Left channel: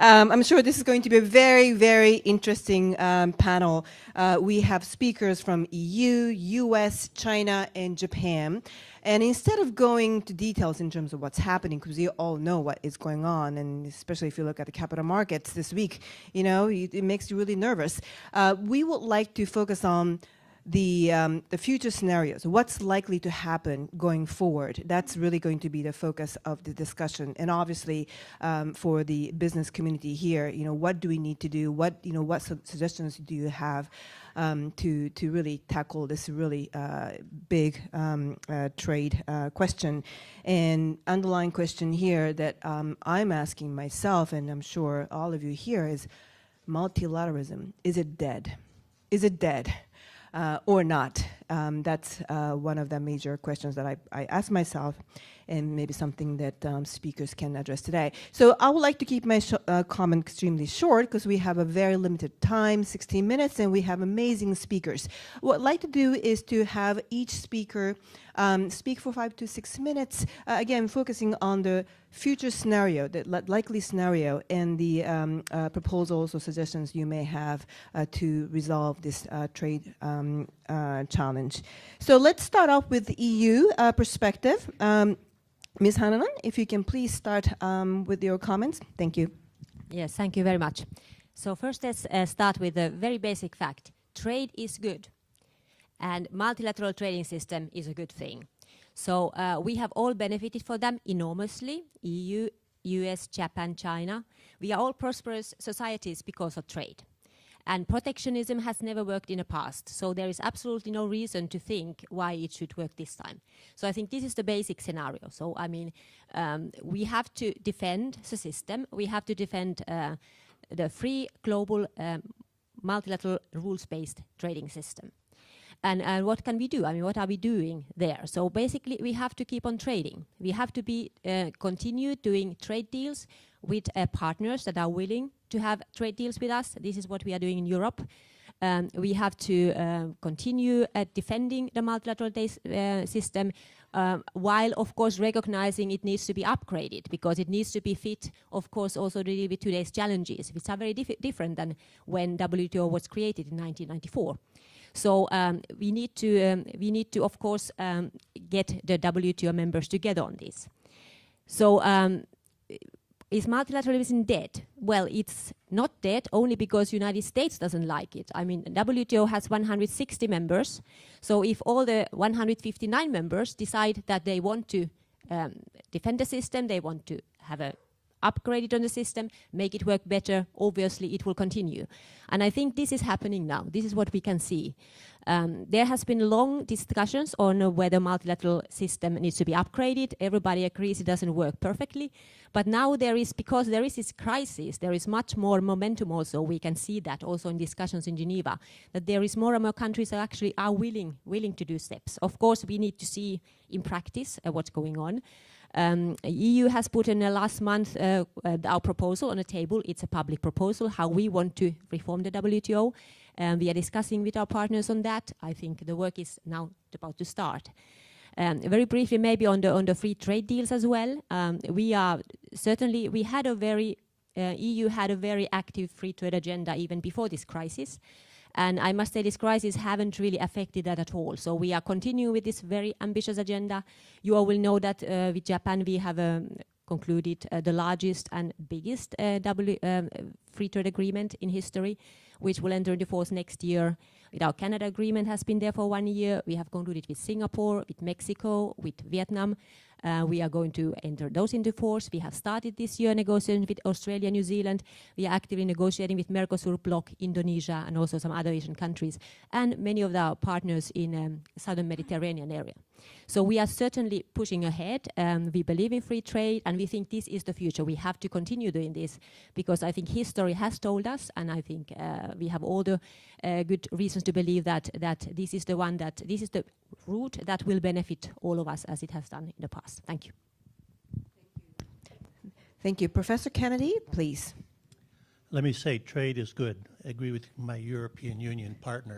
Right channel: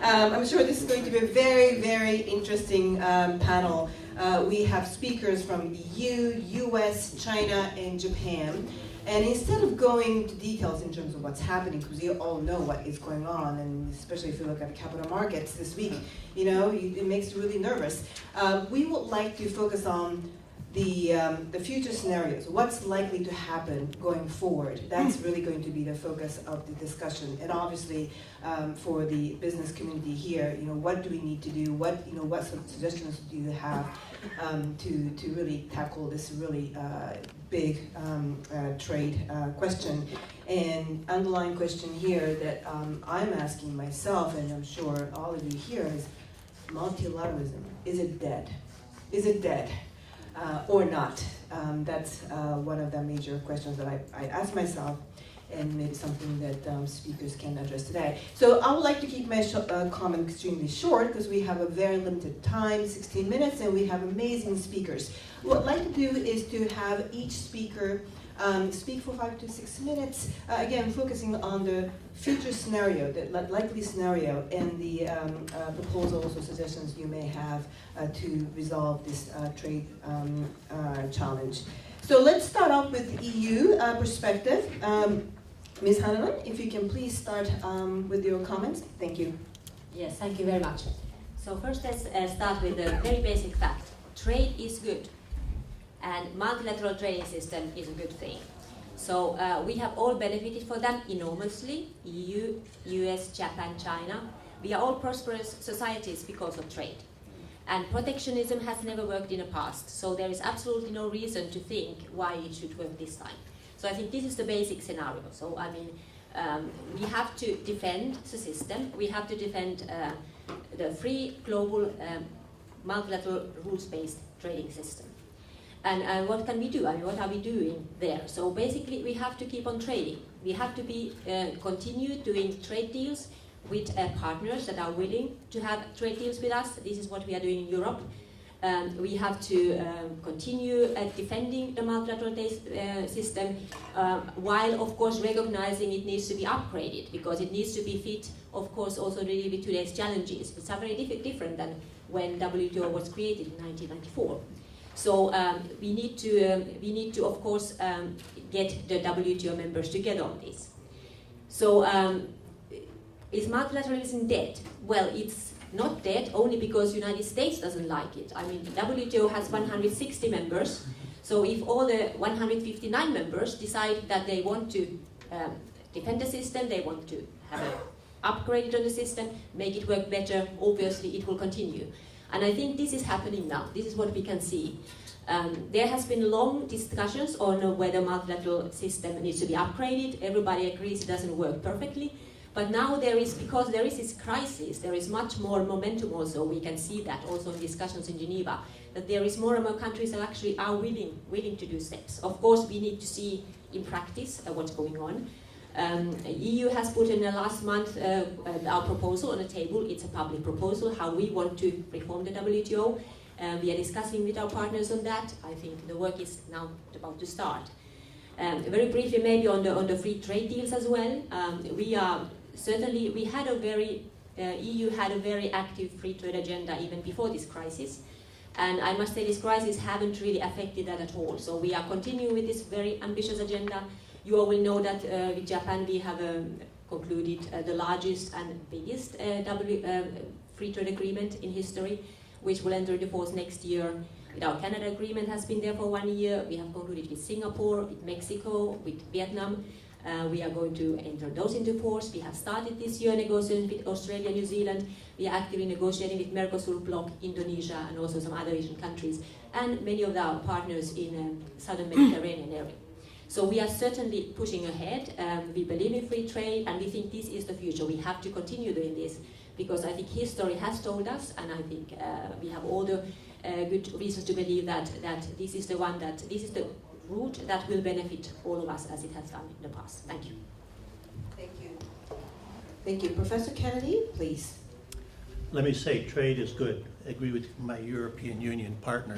I'm sure this is going to be a very, very interesting panel. We have speakers from EU, US, China, and Japan. And instead of going to details in terms of what's happening, because we all know what is going on, and especially if you look at the capital markets this week, you know, it makes you really nervous. We would like to focus on the future scenarios, what's likely to happen going forward. That's really going to be the focus of the discussion. And obviously, for the business community here, you know, what do we need to do? What suggestions do you have to really tackle this really big trade question? And underlying question here that I'm asking myself, and I'm sure all of you here, is multilateralism. Is it dead? Is it dead? Or not? That's one of the major questions that I ask myself, and maybe something that speakers can address today. So I would like to keep my comment extremely short because we have a very limited time, 16 minutes, and we have amazing speakers. What I'd like to do is to have each speaker speak for 5 to 6 minutes, again focusing on the future scenario, the likely scenario, and the proposals or suggestions you may have to resolve this trade challenge. So let's start off with the EU perspective. Ms. Hannanen, if you can please start with your comments. Thank you. Yes, thank you very much. So first let's start with a very basic fact. Trade is good, and multilateral trading system is a good thing. So we have all benefited from them enormously, EU, US, Japan, China. We are all prosperous societies because of trade. And protectionism has never worked in the past, so there is absolutely no reason to think why it should work this time. So I think this is the basic scenario. So I mean, we have to defend the system, we have to defend the free, global, multilateral, rules-based trading system. And what can we do? I mean, what are we doing there? So basically, we have to keep on trading. We have to continue doing trade deals with partners that are willing to have trade deals with us. This is what we are doing in Europe. We have to continue defending the multilateral system, while, of course, recognizing it needs to be upgraded, because it needs to be fit, of course, also really with today's challenges, which are very different than when WTO was created in 1994. So we need to, of course, get the WTO members together on this. So is multilateralism dead? Well, it's not dead only because the United States doesn't like it. I mean, WTO has 160 members. So if all the 159 members decide that they want to defend the system, they want to have an upgrade on the system, make it work better, obviously it will continue. And I think this is happening now. This is what we can see. There has been long discussions on whether multilateral system needs to be upgraded. Everybody agrees it doesn't work perfectly. But now because there is this crisis, there is much more momentum also. We can see that also in discussions in Geneva, that there is more and more countries that actually are willing to do steps. Of course, we need to see in practice what's going on. EU has put in the last month our proposal on the table. It's a public proposal, how we want to reform the WTO. We are discussing with our partners on that. I think the work is now about to start. Very briefly, maybe on the free trade deals as well. We had a very, EU had a very active free trade agenda even before this crisis. And I must say this crisis haven't really affected that at all. So we are continuing with this very ambitious agenda. You all will know that with Japan we have concluded the largest and biggest free trade agreement in history, which will enter into force next year. Our Canada agreement has been there for 1 year. We have concluded with Singapore, with Mexico, with Vietnam. We are going to enter those into force. We have started this year negotiating with Australia, New Zealand. We are actively negotiating with Mercosur bloc, Indonesia, and also some other Asian countries, and many of our partners in southern Mediterranean area. So we are certainly pushing ahead. We believe in free trade, and we think this is the future. We have to continue doing this, because I think history has told us, and I think we have all the good reasons to believe that this is the route that will benefit all of us as it has done in the past. Thank you. Thank you. Thank you. Professor Kennedy, please. Let me say trade is good. I agree with my European Union partner.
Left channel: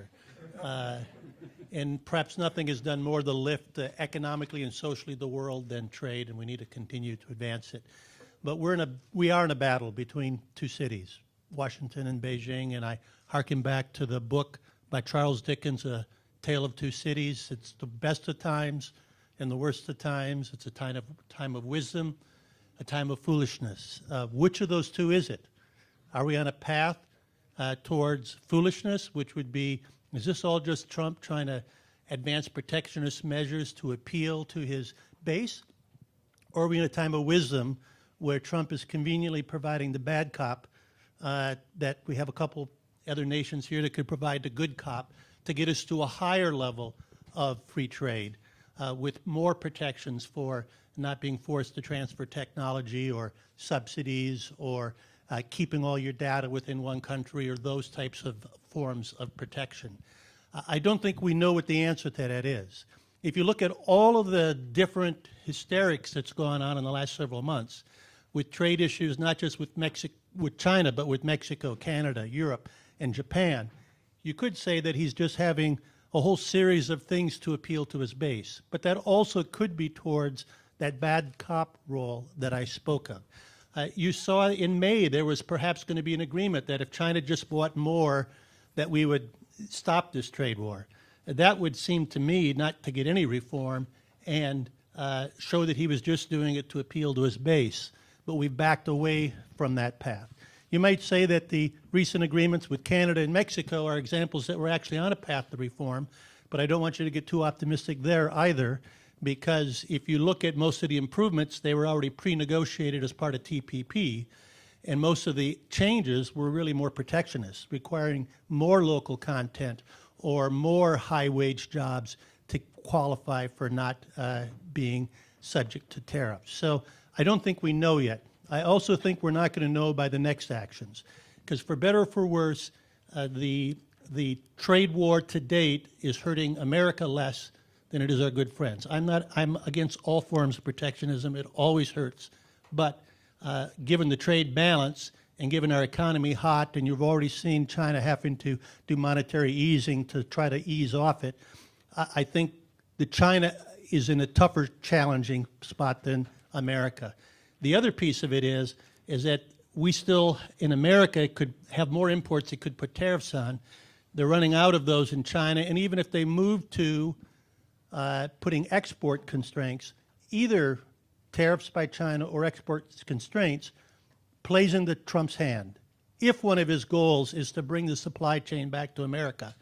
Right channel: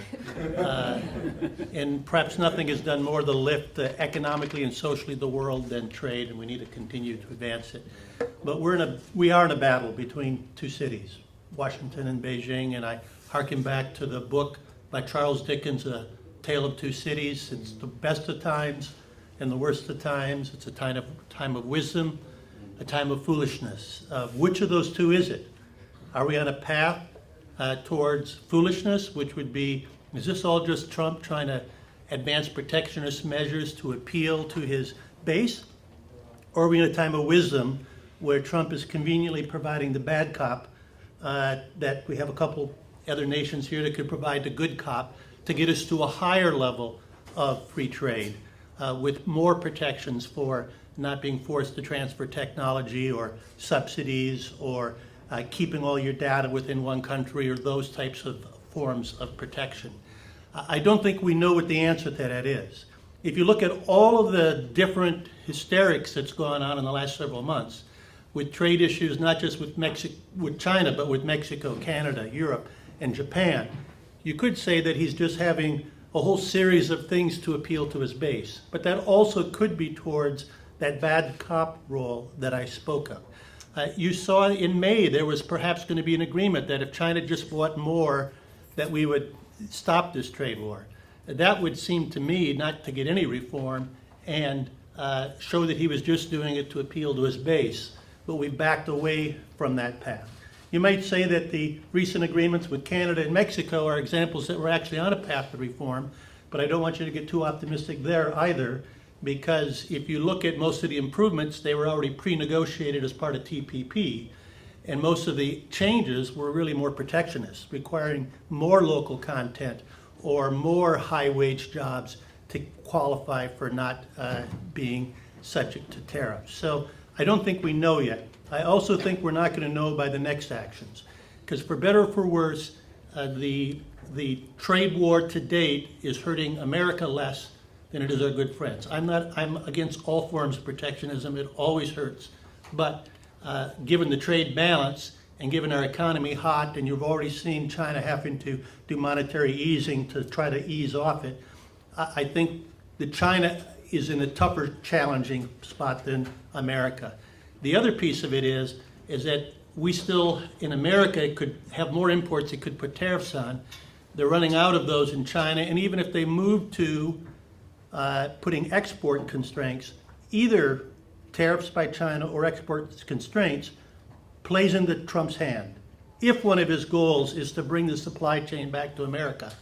And perhaps nothing has done more to lift economically and socially the world than trade, and we need to continue to advance it. but we are in a battle between two cities, Washington and Beijing, and I harken back to the book by Charles Dickens, A Tale of Two Cities. It's the best of times and the worst of times. It's a time of wisdom, a time of foolishness. Which of those two is it? Are we on a path towards foolishness, which would be, is this all just Trump trying to advance protectionist measures to appeal to his base? Or are we in a time of wisdom where Trump is conveniently providing the bad cop, that we have a couple other nations here that could provide the good cop to get us to a higher level of free trade with more protections for not being forced to transfer technology or subsidies or keeping all your data within one country or those types of forms of protection. I don't think we know what the answer to that is. If you look at all of the different hysterics that's gone on in the last several months with trade issues, not just with China, but with Mexico, Canada, Europe, and Japan, you could say that he's just having a whole series of things to appeal to his base. But that also could be towards that bad cop role that I spoke of. You saw in May there was perhaps going to be an agreement that if China just bought more, that we would stop this trade war. That would seem to me not to get any reform and show that he was just doing it to appeal to his base. But we've backed away from that path. You might say that the recent agreements with Canada and Mexico are examples that we're actually on a path to reform, but I don't want you to get too optimistic there either, because if you look at most of the improvements, they were already pre-negotiated as part of TPP, and most of the changes were really more protectionist, requiring more local content or more high-wage jobs to qualify for not being subject to tariffs. So I don't think we know yet. I also think we're not going to know by the next actions, because for better or for worse, the trade war to date is hurting America less than it is our good friends. I'm against all forms of protectionism. It always hurts. But given the trade balance and given our economy hot, and you've already seen China having to do monetary easing to try to ease off it, I think that China is in a tougher, challenging spot than America. The other piece of it is that we still, in America, could have more imports that could put tariffs on. They're running out of those in China, and even if they move to putting export constraints, either tariffs by China or export constraints plays into Trump's hand. If one of his goals is to bring the supply chain back to America,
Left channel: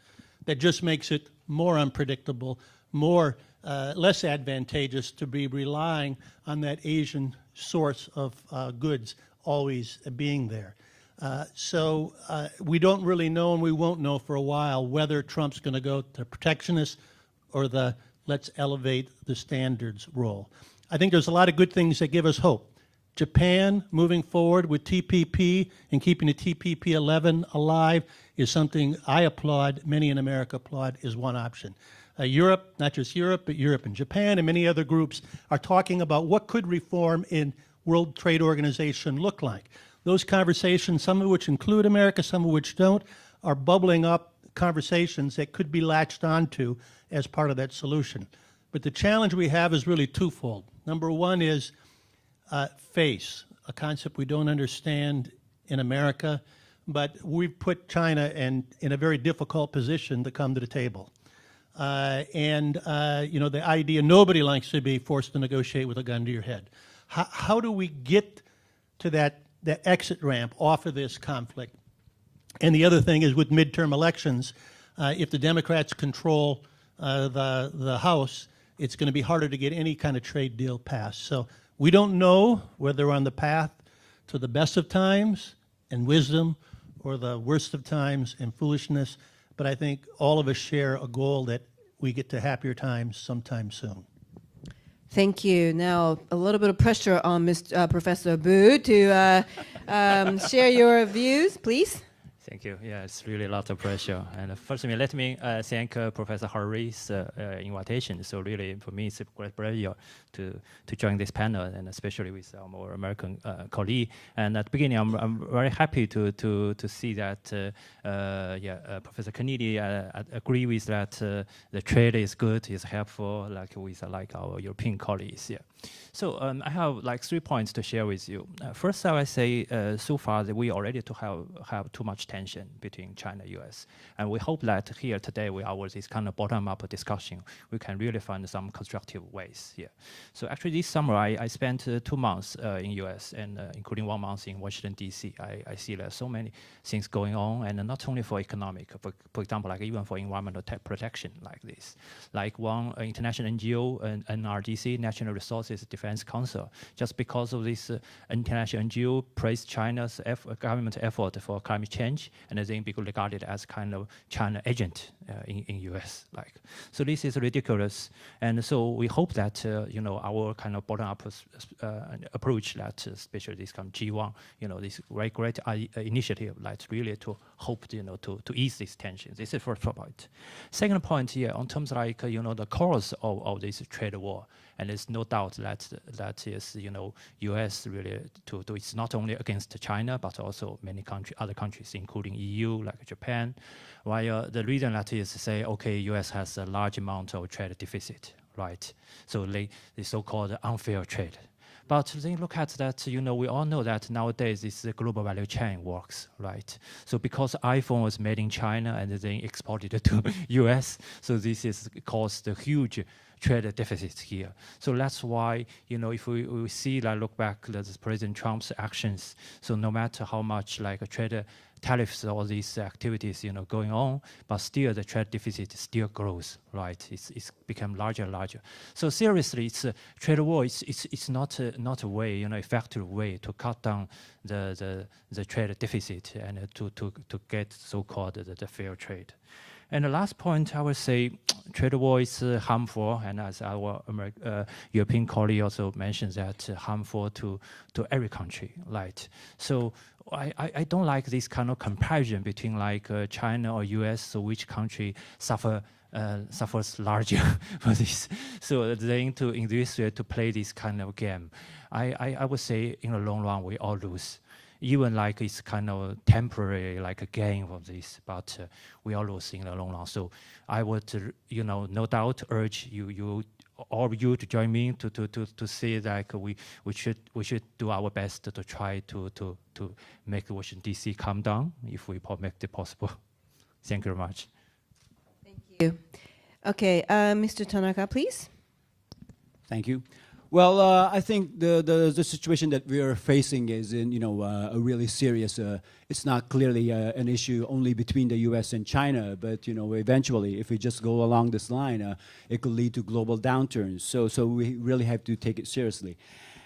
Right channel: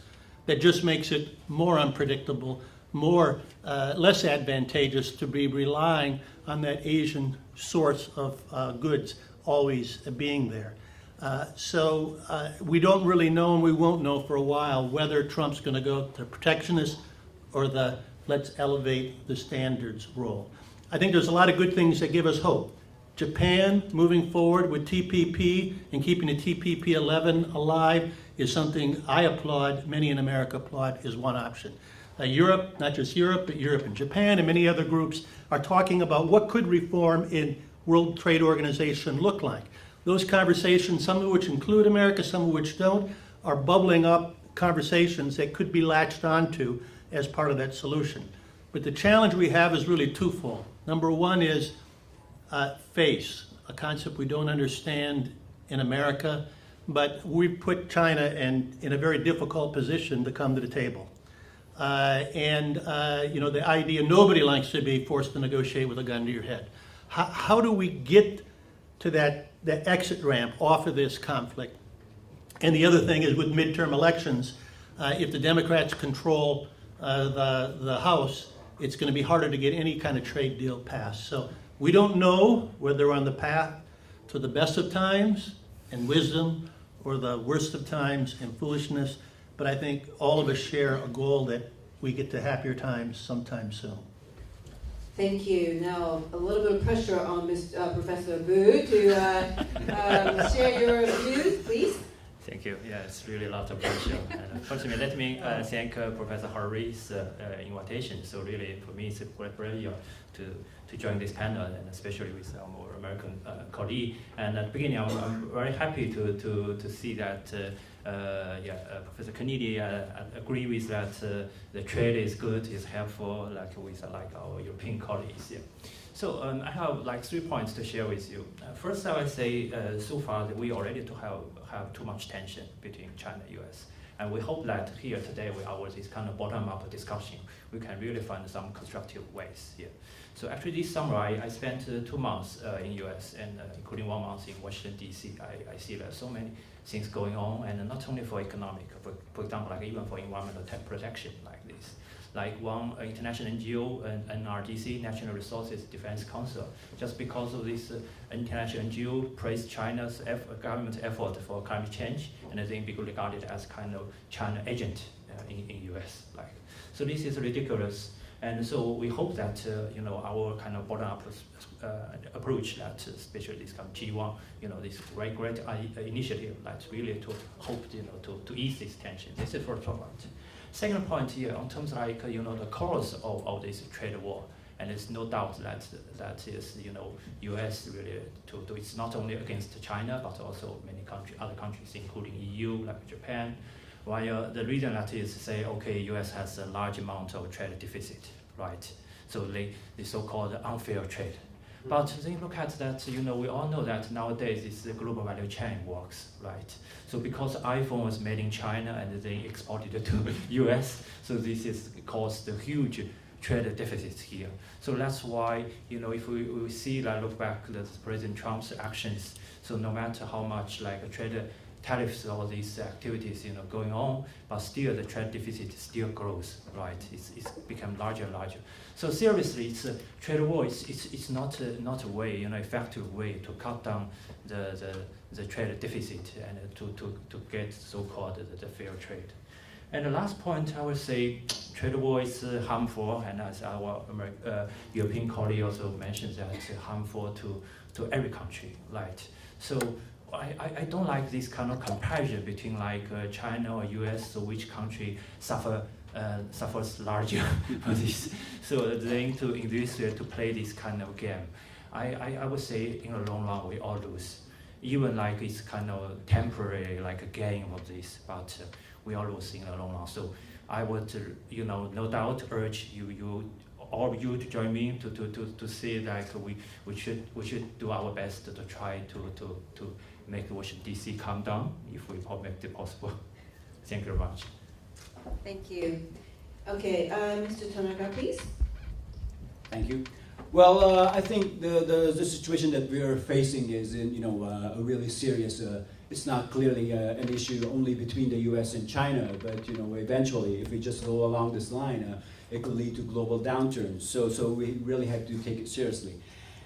that just makes it more unpredictable, less advantageous to be relying on that Asian source of goods always being there. So we don't really know, and we won't know for a while, whether Trump's going to go to protectionist or the let's elevate the standards role. I think there's a lot of good things that give us hope. Japan moving forward with TPP and keeping the TPP 11 alive is something I applaud, many in America applaud, is one option. Europe, not just Europe, but Europe and Japan and many other groups are talking about what could reform in World Trade Organization look like. Those conversations, some of which include America, some of which don't, are bubbling up conversations that could be latched onto as part of that solution. But the challenge we have is really twofold. Number one is face, a concept we don't understand in America, but we've put China in a very difficult position to come to the table. The idea nobody likes to be forced to negotiate with a gun to your head. How do we get to that exit ramp off of this conflict? And the other thing is with midterm elections, if the Democrats control the House, it's going to be harder to get any kind of trade deal passed. So we don't know whether we're on the path to the best of times and wisdom or the worst of times and foolishness, but I think all of us share a goal that we get to happier times sometime soon. Thank you. Now, a little bit of pressure on Professor Bu to share your views, please. Thank you. Yeah, it's really a lot of pressure. And first, let me thank Professor Harry's invitation. So really, for me, it's a great pleasure to join this panel, and especially with our American colleague. And at the beginning, I'm very happy to see that Professor Kennedy agree with that. The trade is good, is helpful, like with our European colleagues. Yeah. So I have like 3 points to share with you. First, I would say so far that we already have too much tension between China and US. And we hope that here today, with this kind of bottom-up discussion, we can really find some constructive ways here. So actually this summer, I spent 2 months in US, and including 1 month in Washington, DC. I see there's so many things going on, and not only for economic, for example, like even for environmental protection like this. Like one international NGO, NRDC, National Resources Defense Council, just because of this international NGO praised China's government effort for climate change, and then be regarded as kind of China agent in US. Like, so this is ridiculous. And so we hope that our kind of bottom-up approach, that especially this kind of G1, this very great initiative, that's really to hope to ease this tension. This is the first point. Second point here, on terms like the cause of this trade war, and there's no doubt that is U.S. really it's not only against China but also many other countries, including EU, like Japan. While the reason that is say, okay, U.S. has a large amount of trade deficit, right? So the so-called unfair trade. But then look at that, we all know that nowadays this global value chain works, right? So because iPhone was made in China and then exported to US, so this is caused a huge trade deficit here. So that's why, if we see, look back at President Trump's actions, so no matter how much like a trade tariffs, all these activities, going on, but still the trade deficit still grows, right? It's become larger and larger. So seriously, it's a trade war. It's not a way, effective way to cut down the trade deficit and to get so-called the fair trade. And the last point, I would say, trade war is harmful, and as our European colleague also mentioned, that harmful to every country, right? So I don't like this kind of comparison between like China or US, so which country suffers larger for this. So then in this way to play this kind of game, I would say in the long run we all lose. Even like it's kind of temporary like a game of this, but we all lose in the long run. So I would no doubt urge all of you to join me to say that we should do our best to try to make Washington DC calm down if we make it possible. Thank you very much. Thank you. Okay, Mr. Tanaka, please. Thank you. Well, I think the situation that we are facing is a really serious. It's not clearly an issue only between the U.S. and China, but eventually, if we just go along this line, it could lead to global downturns. So we really have to take it seriously.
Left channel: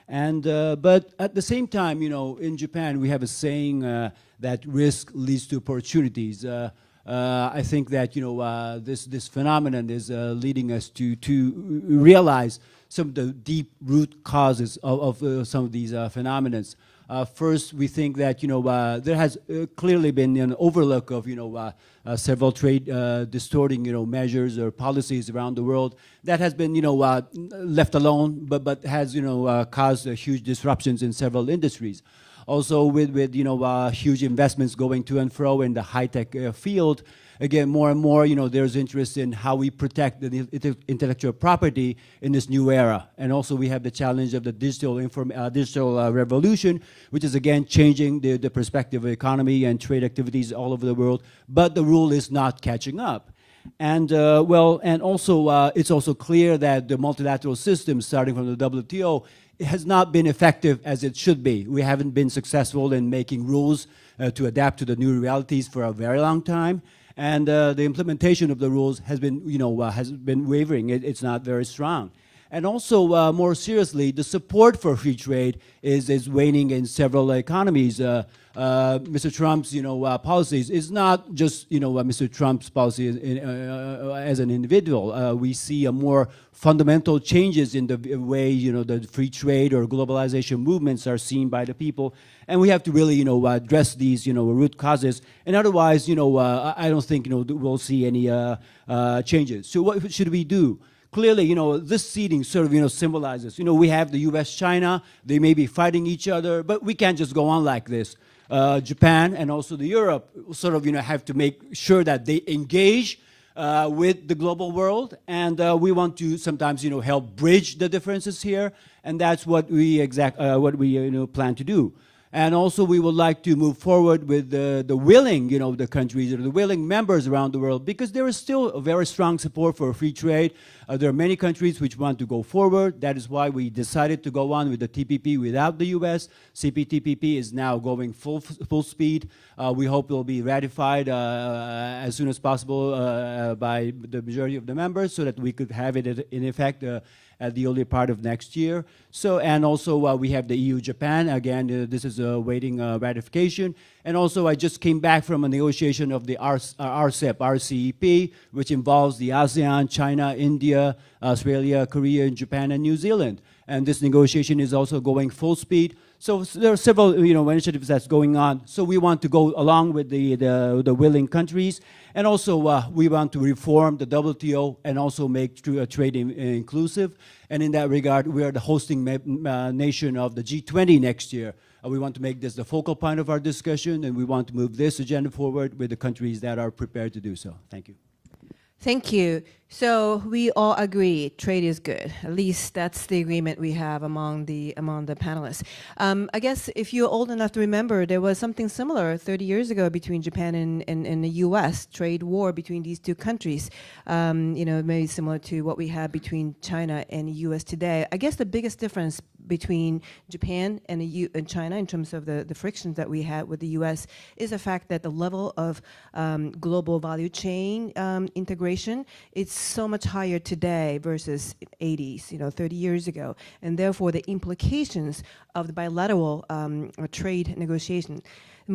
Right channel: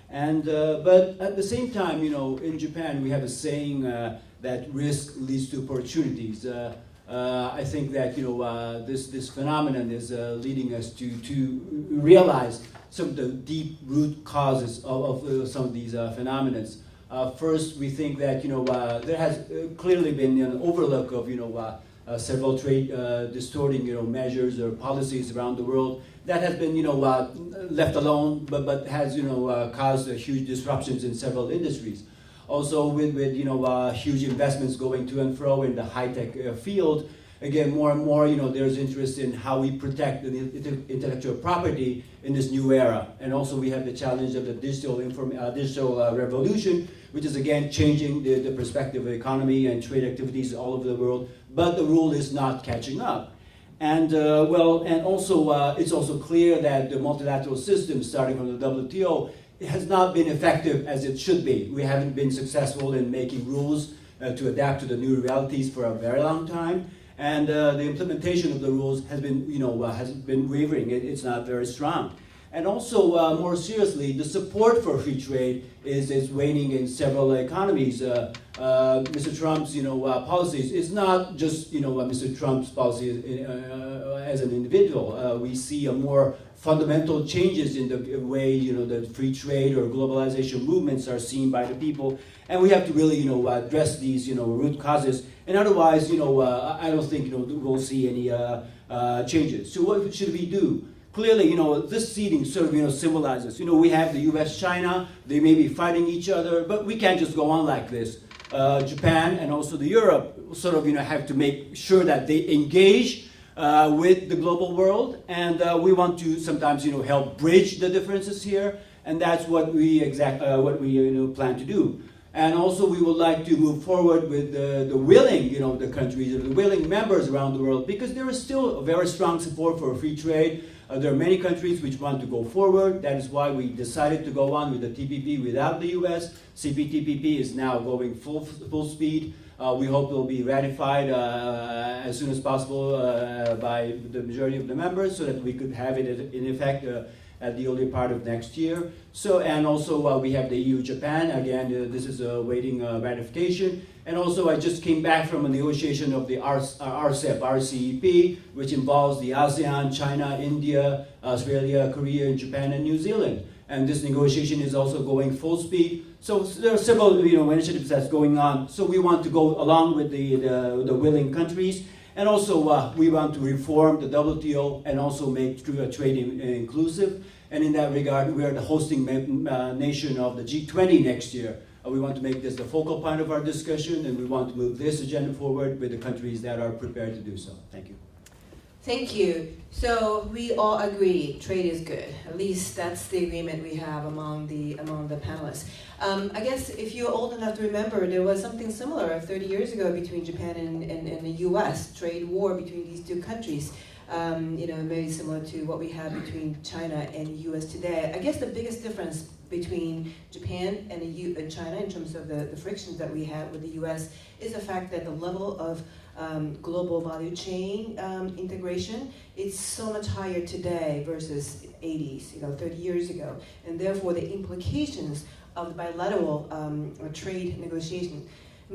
And but at the same time, in Japan we have a saying that risk leads to opportunities. I think that this phenomenon is leading us to realize some of the deep root causes of some of these phenomena. First, we think that there has clearly been an overlook of several trade distorting measures or policies around the world that has been left alone, but has caused huge disruptions in several industries. Also, with huge investments going to and fro in the high-tech field, again, more and more, there's interest in how we protect the intellectual property in this new era. And also, we have the challenge of the digital revolution, which is again changing the perspective of economy and trade activities all over the world. But the rule is not catching up. And also, it's also clear that the multilateral system, starting from the WTO, it has not been effective as it should be. We haven't been successful in making rules to adapt to the new realities for a very long time. And the implementation of the rules has been wavering. It's not very strong. And also, more seriously, the support for free trade is waning in several economies. Mr. Trump's policies is not just Mr. Trump's policy as an individual. We see a more fundamental changes in the way the free trade or globalization movements are seen by the people, and we have to really address these root causes. And otherwise, I don't think we'll see any changes. So what should we do? Clearly, this seeding sort of symbolizes. We have the U.S. China. They may be fighting each other, but we can't just go on like this. Japan and also the Europe sort of have to make sure that they engage with the global world, and we want to sometimes help bridge the differences here, and that's what we plan to do. And also we would like to move forward with the willing, the countries, or the willing members around the world, because there is still a very strong support for free trade. There are many countries which want to go forward. That is why we decided to go on with the TPP without the US. CPTPP is now going full speed. We hope it will be ratified as soon as possible by the majority of the members, so that we could have it in effect at the early part of next year. So, and also we have the EU-Japan. Again, this is awaiting ratification. And also, I just came back from a negotiation of the RCEP, which involves the ASEAN, China, India, Australia, Korea, and Japan, and New Zealand. And this negotiation is also going full speed. So there are several initiatives that's going on. So we want to go along with the willing countries. And also, we want to reform the WTO and also make trade inclusive. And in that regard, we are the hosting nation of the G20 next year. We want to make this the focal point of our discussion, and we want to move this agenda forward with the countries that are prepared to do so. Thank you. Thank you. So we all agree trade is good. At least that's the agreement we have among the panelists. I guess if you're old enough to remember, there was something similar 30 years ago between Japan and the U.S. Trade war between these two countries. Very similar to what we have between China and the U.S. today. I guess the biggest difference between Japan and China in terms of the frictions that we had with the U.S. is the fact that the level of global value chain integration is so much higher today versus 80s, 30 years ago, and therefore the implications of the bilateral trade negotiation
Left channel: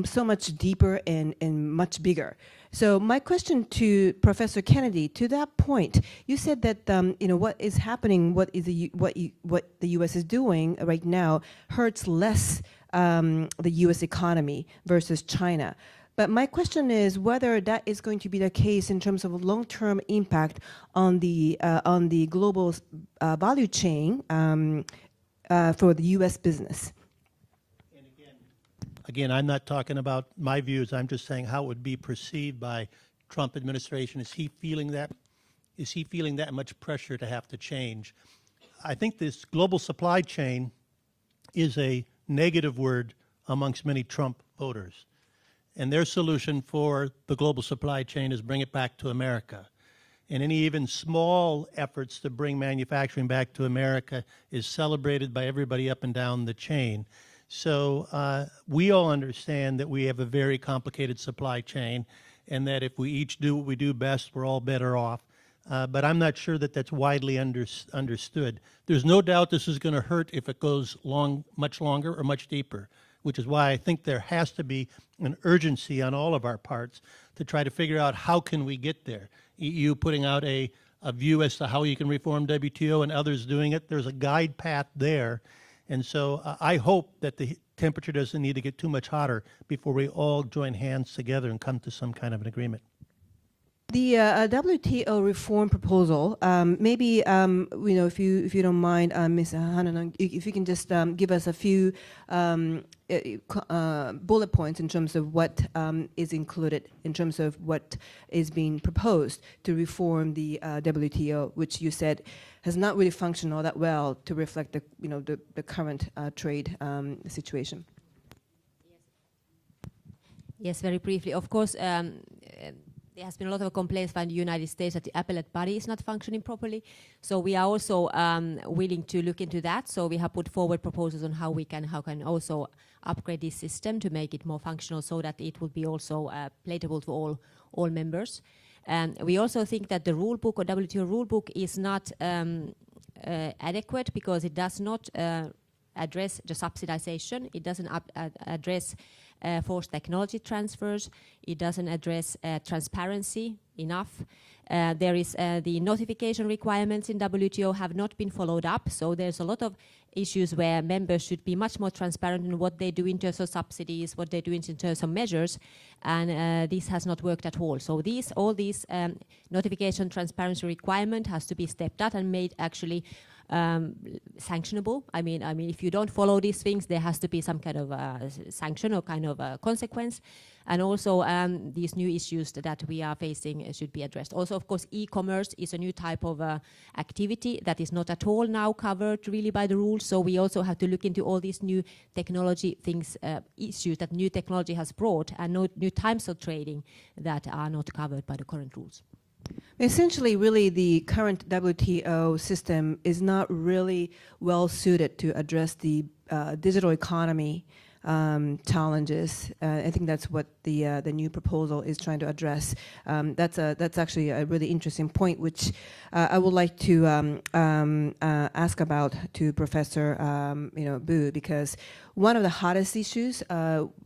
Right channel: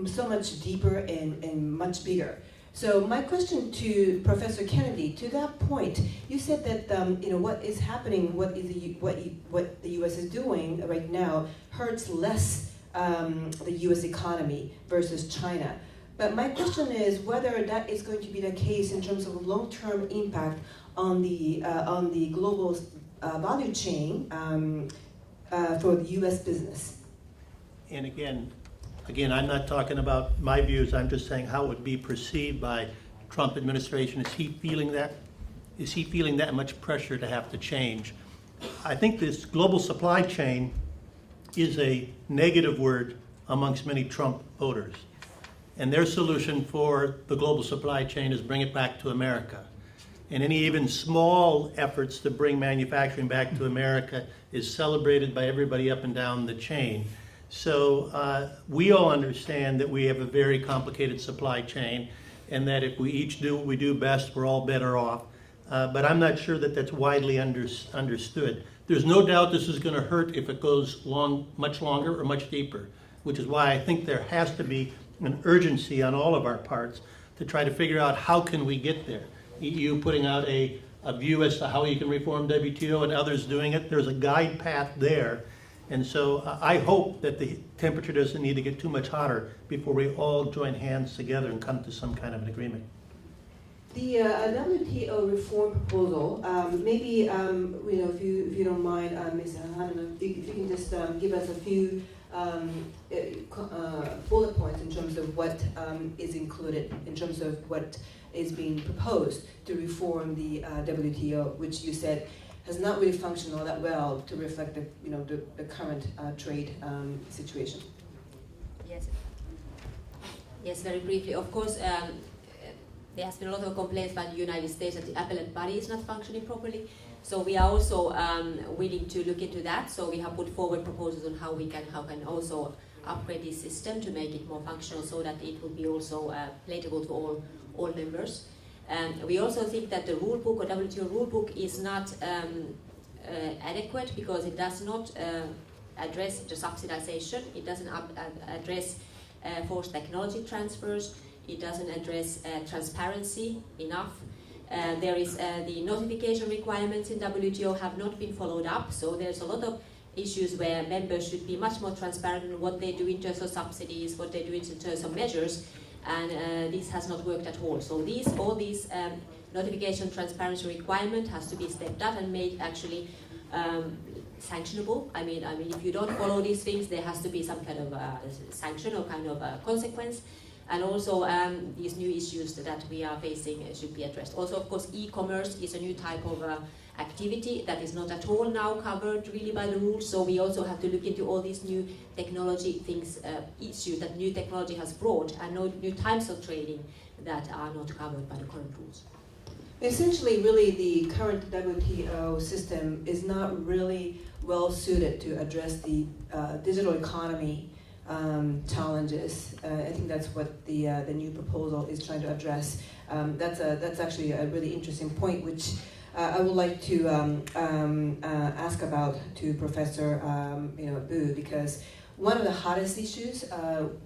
so much deeper and much bigger. So my question to Professor Kennedy, to that point, you said that what is happening, what the U.S. is doing right now hurts less the U.S. economy versus China. But my question is whether that is going to be the case in terms of long-term impact on the global value chain for the U.S. business. And again, I'm not talking about my views. I'm just saying how it would be perceived by Trump administration. Is he feeling that? Is he feeling that much pressure to have to change? I think this global supply chain is a negative word amongst many Trump voters. And their solution for the global supply chain is bring it back to America. And any even small efforts to bring manufacturing back to America is celebrated by everybody up and down the chain. So we all understand that we have a very complicated supply chain, and that if we each do what we do best, we're all better off. But I'm not sure that that's widely understood. There's no doubt this is going to hurt if it goes much longer or much deeper, which is why I think there has to be an urgency on all of our parts to try to figure out how can we get there. EU putting out a view as to how you can reform WTO, and others doing it. There's a guide path there. And so I hope that the temperature doesn't need to get too much hotter before we all join hands together and come to some kind of an agreement. The WTO reform proposal, maybe if you don't mind, Ms. Hananon, if you can just give us a few bullet points in terms of what is included, in terms of what is being proposed to reform the WTO, which you said has not really functioned all that well to reflect the current trade situation. Yes, very briefly. Of course, there has been a lot of complaints by the United States that the appellate body is not functioning properly. So we are also willing to look into that. So we have put forward proposals on how can also upgrade this system to make it more functional, so that it will be also palatable to all members. We also think that the rule book or WTO rule book is not adequate, because it does not address the subsidization. It doesn't address forced technology transfers. It doesn't address transparency enough. There is the notification requirements in WTO have not been followed up. So there's a lot of issues where members should be much more transparent in what they do in terms of subsidies, what they do in terms of measures. And this has not worked at all. So all these notification transparency requirement has to be stepped up and made actually sanctionable. I mean, if you don't follow these things, there has to be some kind of sanction or kind of consequence. And also, these new issues that we are facing should be addressed. Also, of course, e-commerce is a new type of activity that is not at all now covered really by the rules. So we also have to look into all these new technology things, issues that new technology has brought, and new types of trading that are not covered by the current rules. Essentially, really, the current WTO system is not really well suited to address the digital economy challenges. I think that's what the new proposal is trying to address. That's actually a really interesting point, which I would like to ask about to Professor Bu, because one of the hottest issues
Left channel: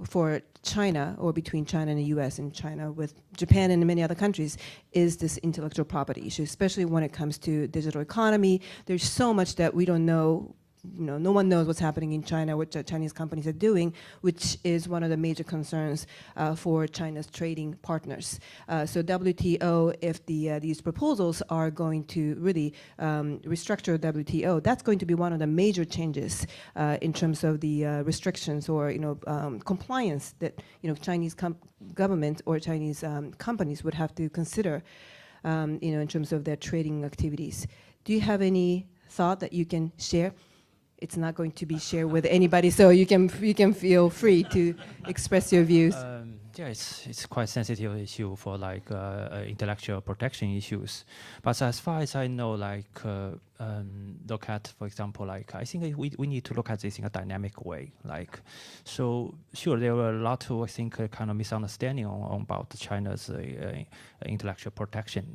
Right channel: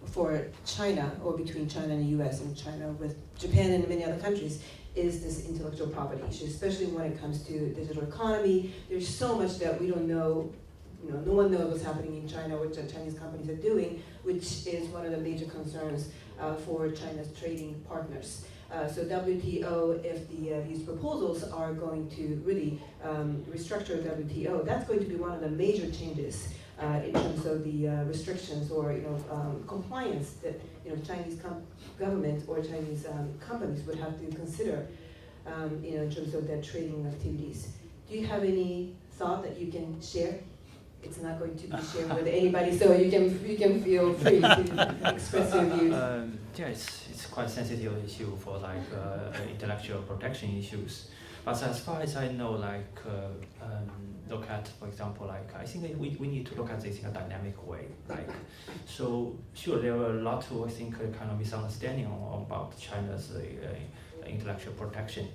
for China, or between China and the U.S. and China with Japan and many other countries, is this intellectual property issue, especially when it comes to digital economy. There's so much that we don't know. No one knows what's happening in China, what Chinese companies are doing, which is one of the major concerns for China's trading partners. So WTO, if these proposals are going to really restructure WTO, that's going to be one of the major changes in terms of the restrictions or compliance that Chinese government or Chinese companies would have to consider in terms of their trading activities. Do you have any thought that you can share? It's not going to be shared with anybody, so you can feel free to express your views. Yeah, it's quite sensitive issue for intellectual protection issues. But as far as I know, look at, for example, I think we need to look at this in a dynamic way. So sure, there were a lot of, I think, kind of misunderstanding about China's intellectual protection.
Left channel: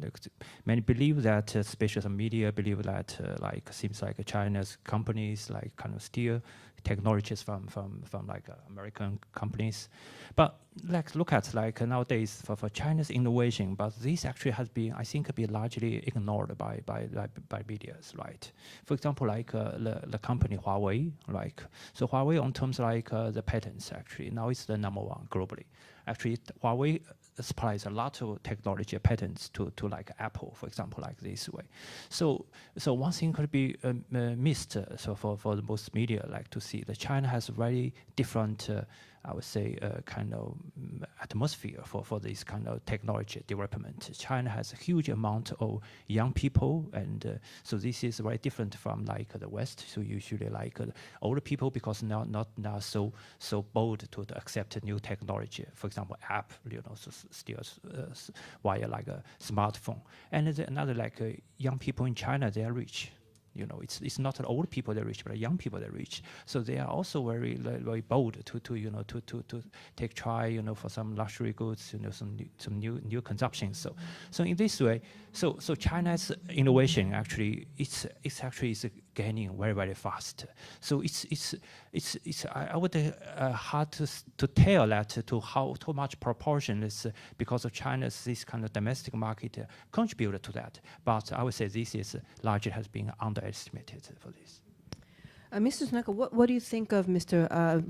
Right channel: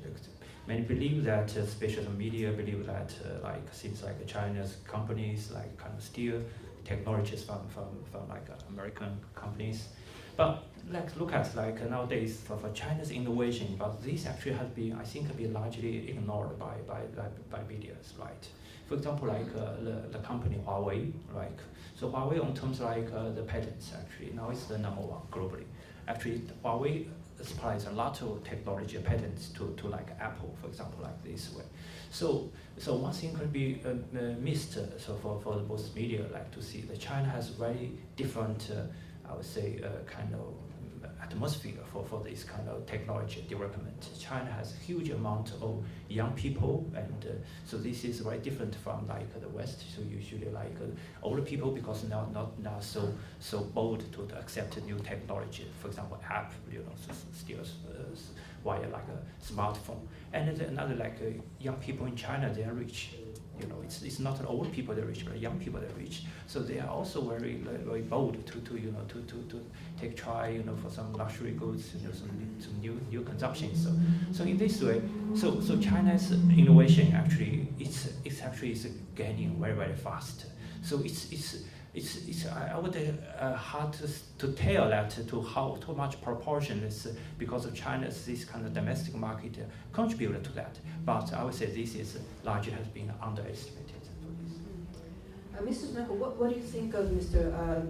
Many believe that, especially the media believe that, seems like China's companies kind of steal technologies from American companies. But look at nowadays for China's innovation, but this actually has been, I think, largely ignored by media, right? For example, the company Huawei, so Huawei on terms the patents actually now is the number one globally. Actually, Huawei supplies a lot of technology patents to Apple, for example, this way. So one thing could be missed. So for the most media, to see that China has very different, I would say, kind of atmosphere for this kind of technology development. China has a huge amount of young people, and so this is very different from the West. So usually older people, because now not so bold to accept new technology. For example, app, still via a smartphone. And another young people in China, they are rich. It's not old people that are rich, but young people that are rich. So they are also very bold to try for some luxury goods, some new consumption. So in this way, so China's innovation actually it's gaining very fast. So it's I would hard to tell that to how too much proportion is because of China's this kind of domestic market contributed to that. But I would say this is largely has been underestimated for this. Mr. Tanaka, what do you think of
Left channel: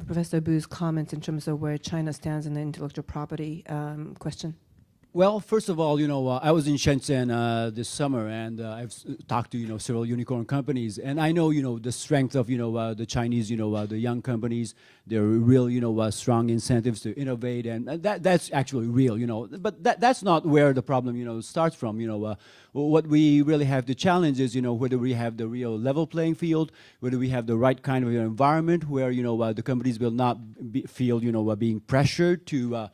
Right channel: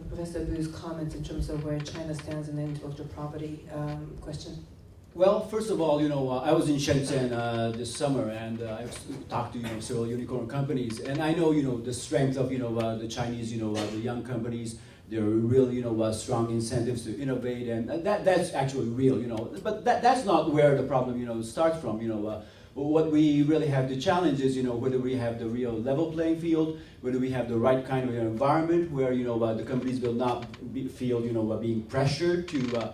Professor Bu's comments in terms of where China stands in the intellectual property question? Well, first of all, I was in Shenzhen this summer, and I've talked to several unicorn companies, and I know the strength of the Chinese the young companies. There are real strong incentives to innovate, and that's actually real But that's not where the problem starts from. What we really have the challenge is whether we have the real level playing field, whether we have the right kind of environment where the companies will not feel being pressured to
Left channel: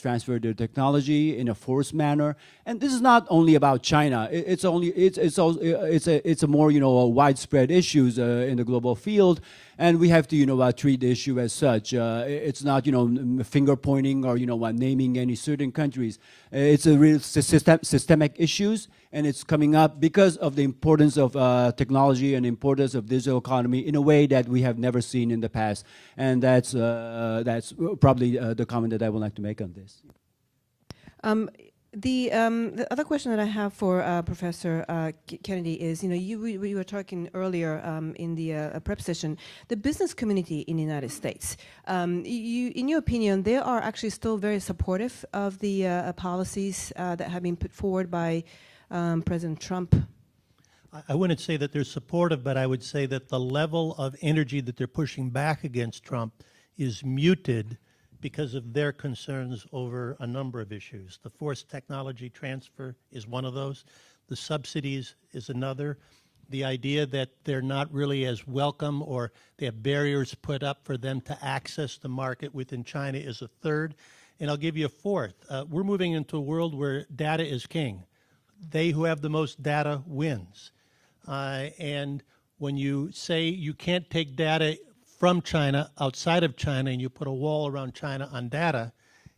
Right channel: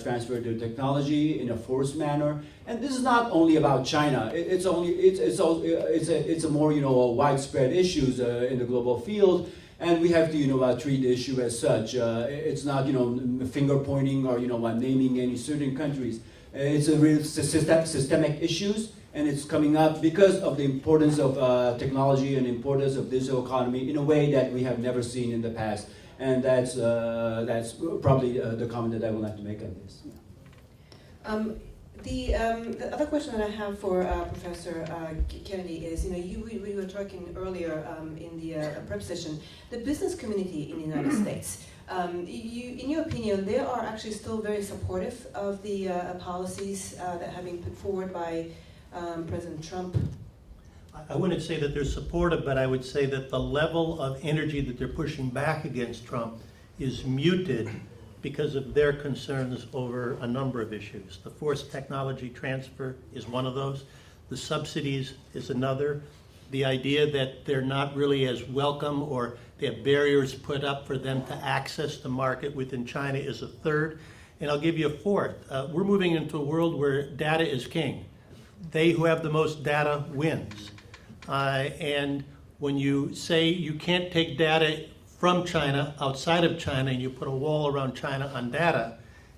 transfer their technology in a forced manner. And this is not only about China. It's a more widespread issues in the global field, and we have to treat the issue as such. It's not finger pointing or naming any certain countries. It's a real systemic issues, and it's coming up because of the importance of technology and importance of digital economy in a way that we have never seen in the past. And that's probably the comment that I would like to make on this. The other question that I have for Professor Kennedy is, we were talking earlier in the prep session, the business community in the United States. In your opinion, they are actually still very supportive of the policies that have been put forward by President Trump? I wouldn't say that they're supportive, but I would say that the level of energy that they're pushing back against Trump is muted because of their concerns over a number of issues. The forced technology transfer is one of those. The subsidies is another. The idea that they're not really as welcome or they have barriers put up for them to access the market within China is a third. And I'll give you a fourth. We're moving into a world where data is king. They who have the most data wins. And when you say you can't take data from China, outside of China, and you put a wall around China on data,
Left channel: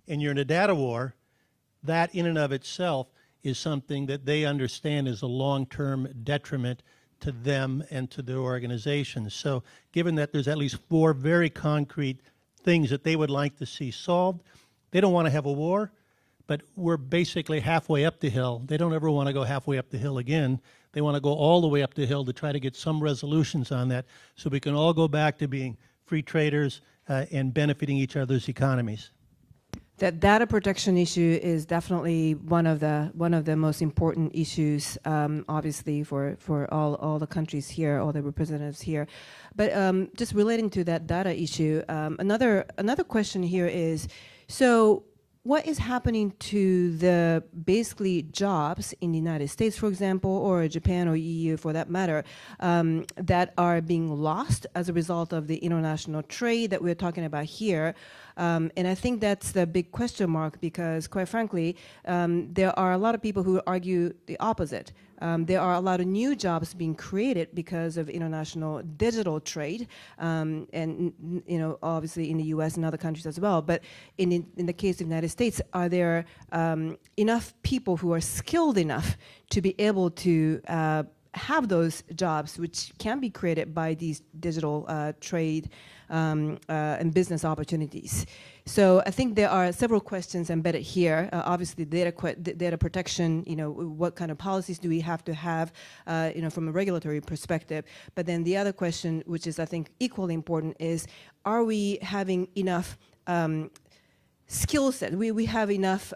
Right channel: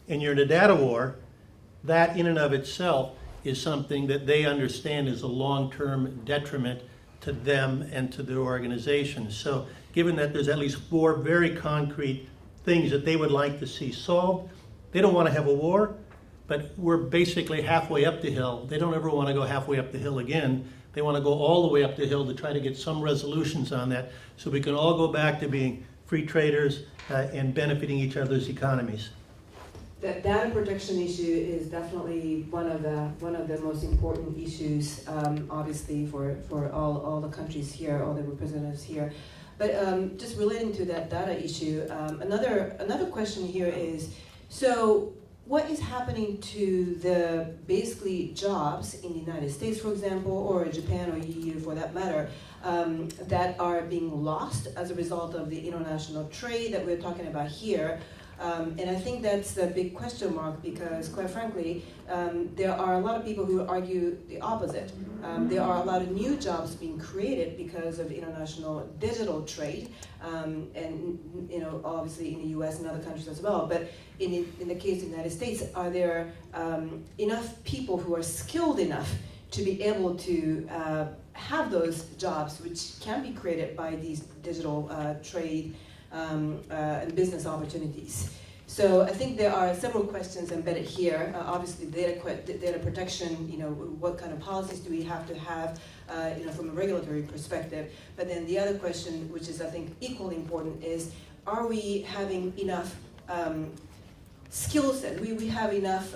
and you're in a data war, that in and of itself is something that they understand is a long-term detriment to them and to their organization. So given that there's at least 4 very concrete things that they would like to see solved, they don't want to have a war, but we're basically halfway up the hill. They don't ever want to go halfway up the hill again. They want to go all the way up the hill to try to get some resolutions on that so we can all go back to being free traders and benefiting each other's economies. That data protection issue is definitely one of the most important issues, obviously for all the countries here, all the representatives here. But just relating to that data issue, another question here is, so what is happening to the basically jobs in the United States, for example, or Japan or EU for that matter, that are being lost as a result of the international trade that we're talking about here? And I think that's the big question mark because, quite frankly, there are a lot of people who argue the opposite. There are a lot of new jobs being created because of international digital trade, and obviously in the U.S. and other countries as well. But in the case of the United States, are there enough people who are skilled enough to be able to have those jobs, which can be created by these digital trade and business opportunities? So I think there are several questions embedded here. Obviously, data protection. What kind of policies do we have to have, from a regulatory perspective? But then the other question, which is I think equally important, is: are we having enough skill set? We have enough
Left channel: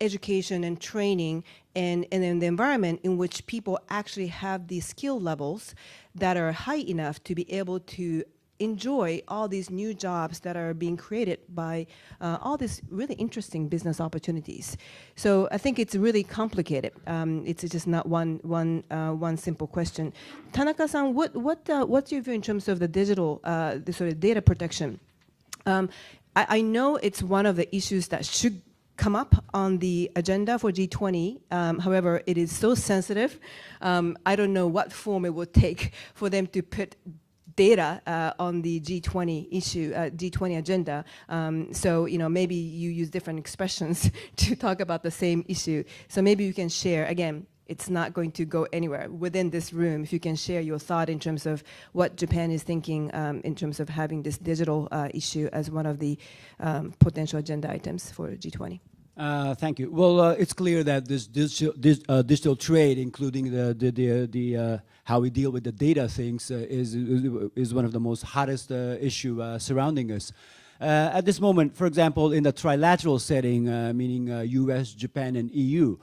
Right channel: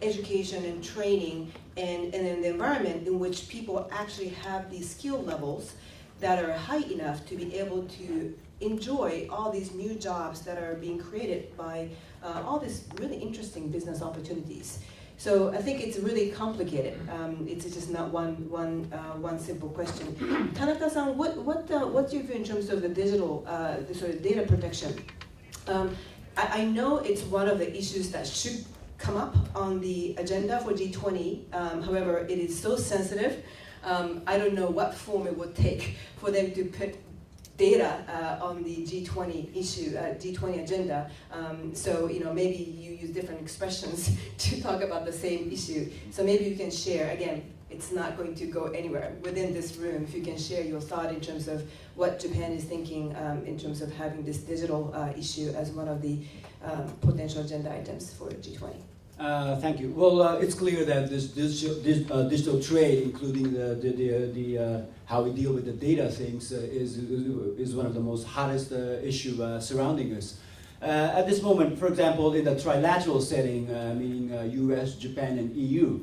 education and training, and in the environment in which people actually have these skill levels that are high enough to be able to enjoy all these new jobs that are being created by all these really interesting business opportunities. So I think it's really complicated. It's just not one simple question. Tanaka-san, what's your view in terms of the digital, the sort of data protection? I know it's one of the issues that should come up on the agenda for G20. However, it is so sensitive. I don't know what form it would take for them to put data on the G20 issue, G20 agenda. So maybe you use different expressions to talk about the same issue. So maybe you can share. Again, it's not going to go anywhere within this room. If you can share your thought in terms of what Japan is thinking in terms of having this digital issue as one of the potential agenda items for G20. Thank you. Well, it's clear that this digital trade, including the how we deal with the data things, is one of the most hottest issue surrounding us. At this moment, for example, in the trilateral setting, meaning U.S., Japan, and EU,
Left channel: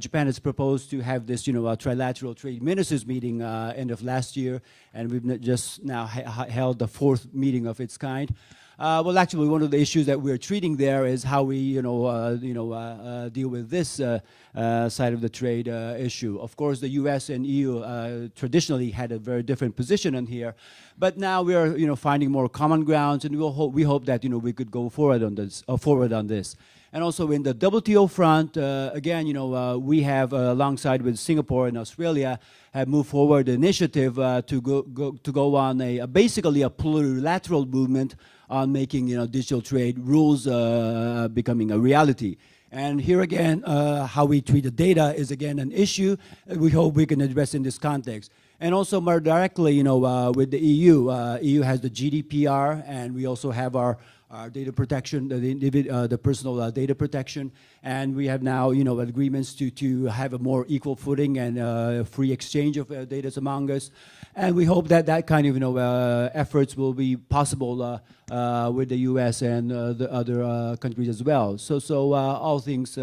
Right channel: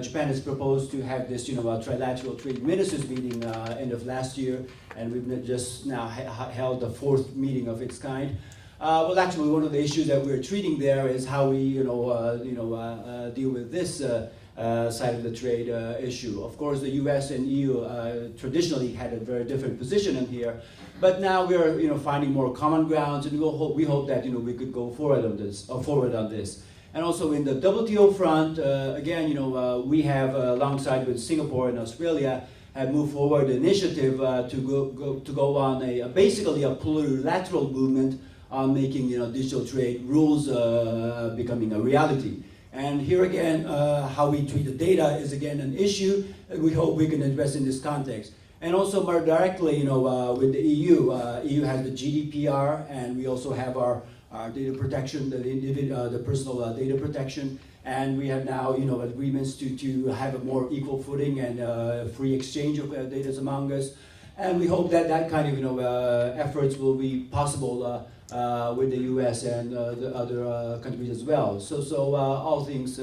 Japan has proposed to have this, trilateral trade ministers meeting end of last year, and we've just now held the 4th meeting of its kind. Well, actually, one of the issues that we're treating there is how we, deal with this side of the trade issue. Of course, the U.S. and EU traditionally had a very different position in here, but now we are, finding more common grounds, and we hope that, we could go forward on this. And also in the WTO front, again, we have alongside with Singapore and Australia have moved forward an initiative to go on basically a plurilateral movement on making digital trade rules becoming a reality. And here again, how we treat the data is again an issue that we hope we can address in this context. And also more directly, with the EU, EU has the GDPR, and we also have our data protection, the personal data protection, and we have now agreements to have a more equal footing and free exchange of data among us. And we hope that kind of efforts will be possible with the U.S. and the other countries as well. So all things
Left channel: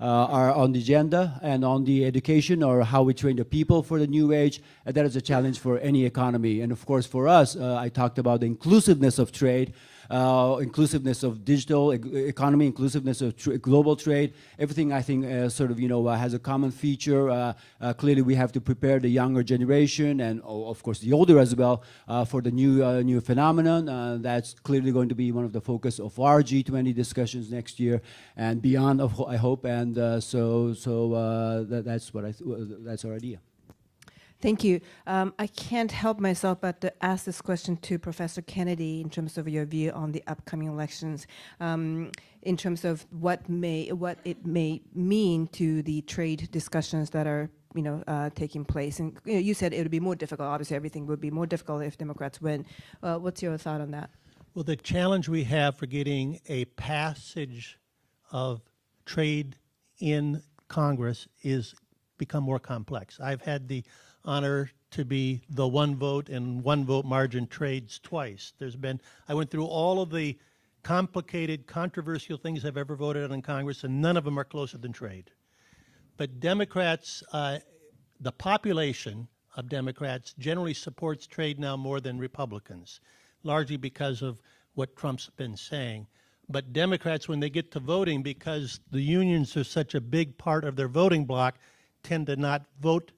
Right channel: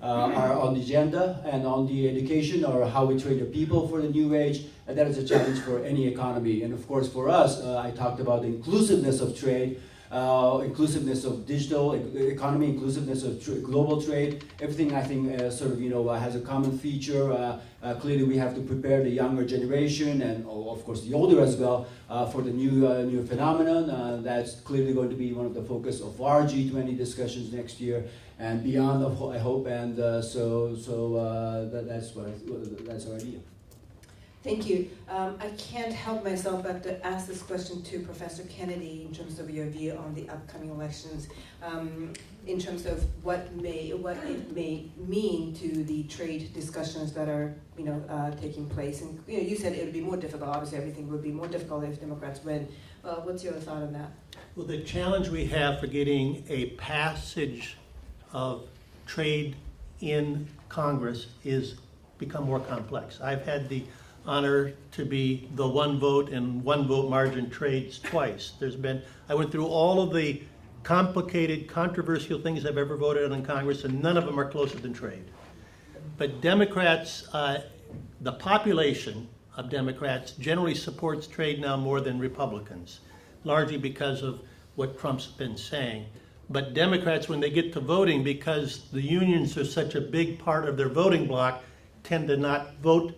are on the agenda, and on the education or how we train the people for the new age. And that is a challenge for any economy. And of course, for us, I talked about the inclusiveness of trade, inclusiveness of digital economy, inclusiveness of global trade. Everything, I think, sort of, has a common feature. Clearly, we have to prepare the younger generation and, of course, the older as well for the new phenomenon. That's clearly going to be one of the focus of our G20 discussions next year and beyond, I hope. And that's our idea. Thank you. I can't help myself but to ask this question to Professor Kennedy in terms of your view on the upcoming elections, in terms of what it may mean to the trade discussions that are taking place. And you said it would be more difficult. Obviously, everything would be more difficult if Democrats win. What's your thought on that? Well, the challenge we have for getting a passage of trade in Congress is become more complex. I've had the honor to be the one vote and one vote margin trades twice. I went through all of the complicated, controversial things I've ever voted on in Congress, and none of them are closer than trade. But Democrats, the population of Democrats generally supports trade now more than Republicans, largely because of what Trump's been saying. But Democrats, when they get to voting, because the unions are such a big part of their voting bloc, tend to not vote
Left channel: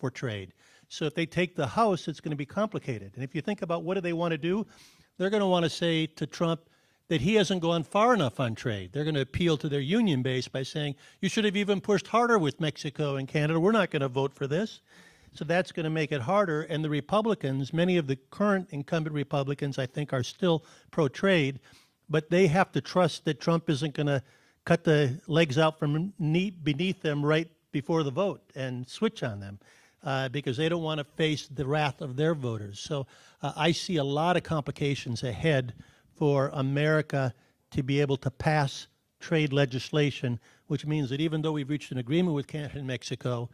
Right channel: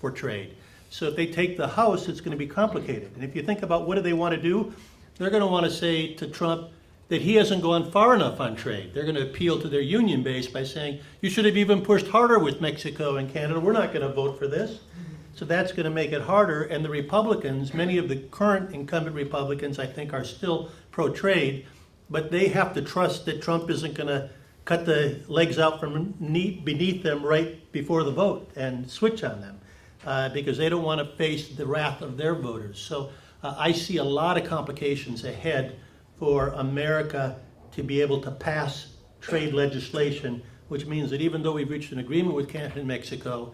for trade. So if they take the House, it's going to be complicated. And if you think about what do they want to do, they're going to want to say to Trump that he hasn't gone far enough on trade. They're going to appeal to their union base by saying, you should have even pushed harder with Mexico and Canada. We're not going to vote for this. So that's going to make it harder. And the Republicans, many of the current incumbent Republicans, I think, are still pro-trade, but they have to trust that Trump isn't going to cut the legs out from beneath them right before the vote and switch on them. Because they don't want to face the wrath of their voters. So I see a lot of complications ahead for America to be able to pass trade legislation, which means that even though we've reached an agreement with Canada and Mexico,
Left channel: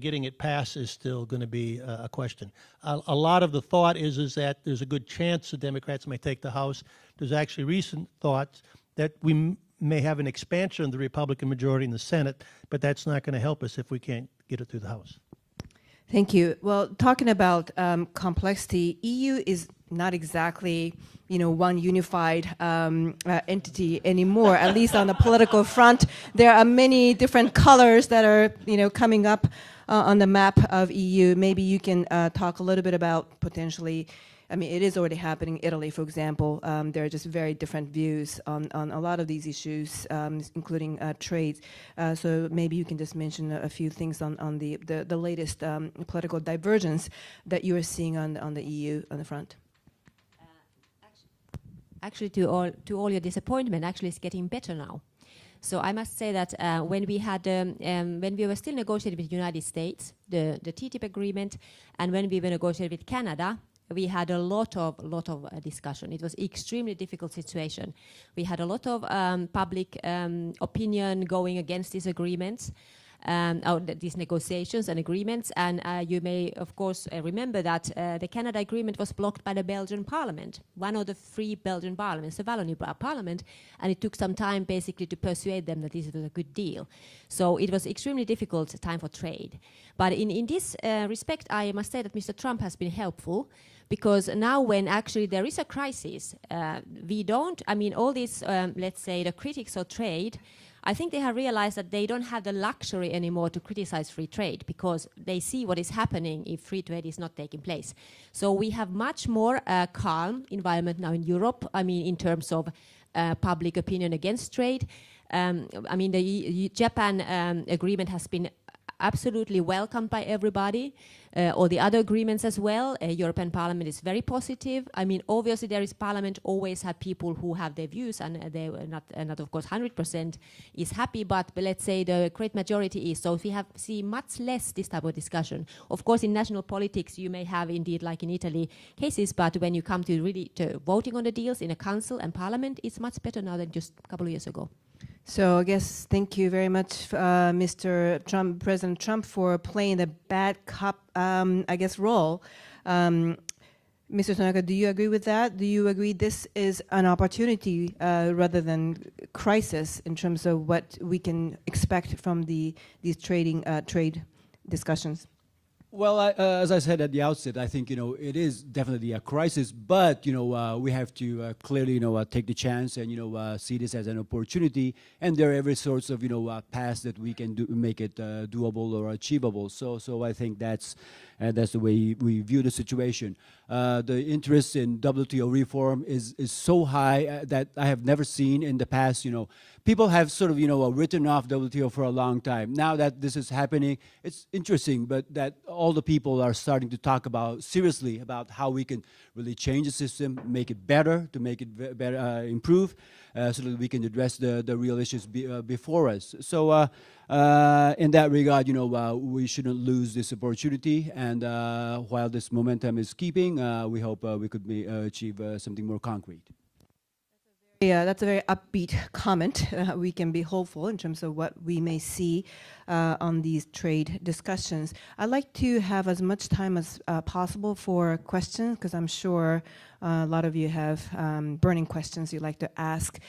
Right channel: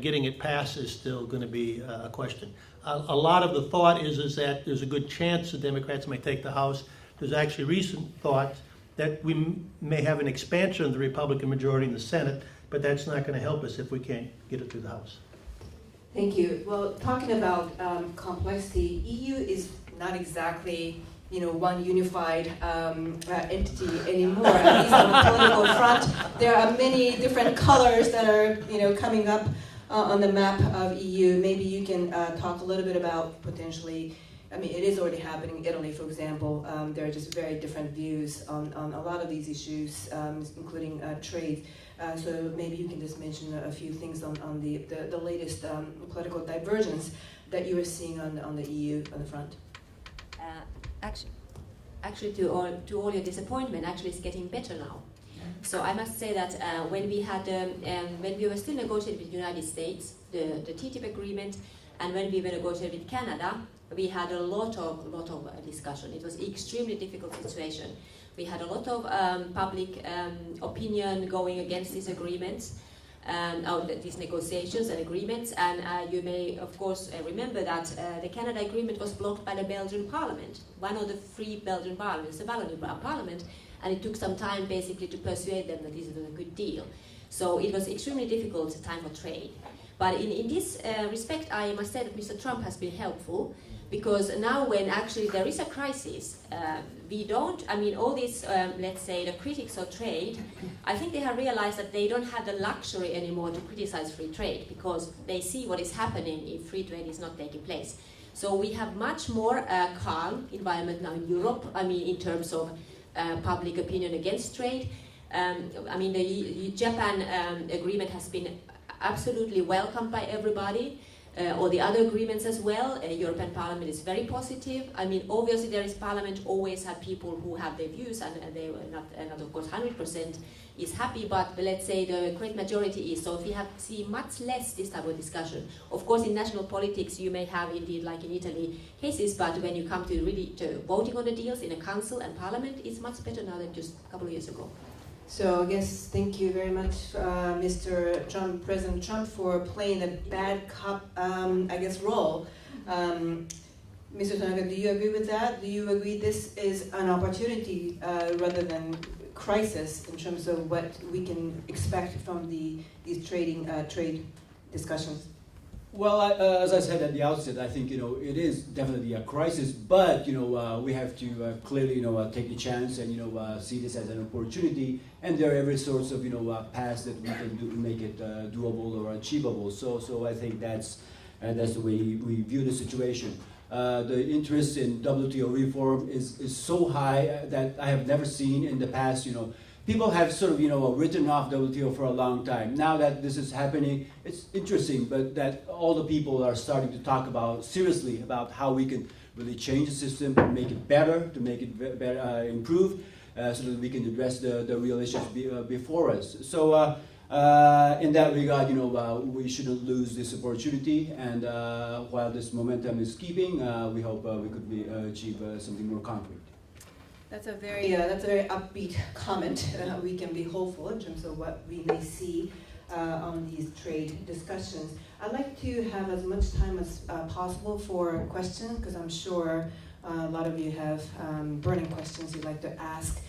getting it passed is still going to be a question. A lot of the thought is that there's a good chance the Democrats may take the House. There's actually recent thoughts that we may have an expansion of the Republican majority in the Senate, but that's not going to help us if we can't get it through the House. Thank you. Well, talking about complexity, EU is not exactly one unified entity anymore. At least on the political front, there are many different colors that are coming up on the map of EU. Maybe you can talk a little bit about potentially. I mean, it is already happening. Italy, for example, there are just very different views on a lot of these issues, including trade. So maybe you can just mention a few things on the latest political divergence that you are seeing on the EU on the front. Actually, to all your disappointment, actually, it's getting better now. So I must say that when we were still negotiating with the United States, the TTIP agreement, and when we were negotiating with Canada, we had a lot of discussion. It was an extremely difficult situation. We had a lot of public opinion going against these agreements, these negotiations and agreements. And you may, of course, remember that the Canada agreement was blocked by the Belgian Parliament, one of the three Belgian parliaments, the Wallonie Parliament, and it took some time basically to persuade them that this was a good deal. So it was extremely difficult time for trade. But in this respect, I must say that Mr. Trump has been helpful. Because now when actually there is a crisis, all these, let's say, the critics of trade, I think they have realized that they don't have the luxury anymore to criticize free trade because they see what is happening if free trade is not taking place. So we have much more calm environment now in Europe, in terms of public opinion against trade. The Japan agreement has been absolutely welcomed by everybody. All the other agreements as well. European Parliament is very positive. Obviously there is Parliament always had people who have their views, and they were not of course 100% is happy, but let's say the great majority is. So if we see much less this type of discussion. Of course in national politics you may have indeed, like in Italy, cases, but when you come to voting on the deals in a council and Parliament, it's much better now than just a couple of years ago. So I guess thank you very much, Mr. Trump, President Trump, for playing the bad cop, role. Mr. Tanaka, do you agree with that? Do you agree this is an opportunity rather than crisis in terms of what we can expect from these trade discussions? Well, as I said at the outset, I think it is definitely a crisis, but we have to clearly take the chance and see this as an opportunity, and there are every sorts of paths that we can do to make it doable or achievable. So I think that's the way we view the situation. The interest in WTO reform is so high that I have never seen in the past. People have sort of written off WTO for a long time. Now that this is happening, it's interesting, but that all the people are starting to talk seriously about how we can really change the system, make it better, to make it better, improve, so that we can address the real issues before us. So in that regard, we shouldn't lose this opportunity. And while this momentum is keeping, we hope we could achieve something more concrete. That's a very upbeat comment. We can be hopeful in terms of what we may see on these trade discussions. I'd like to have as much time as possible for questions, because I'm sure a lot of you have burning questions you'd like to ask.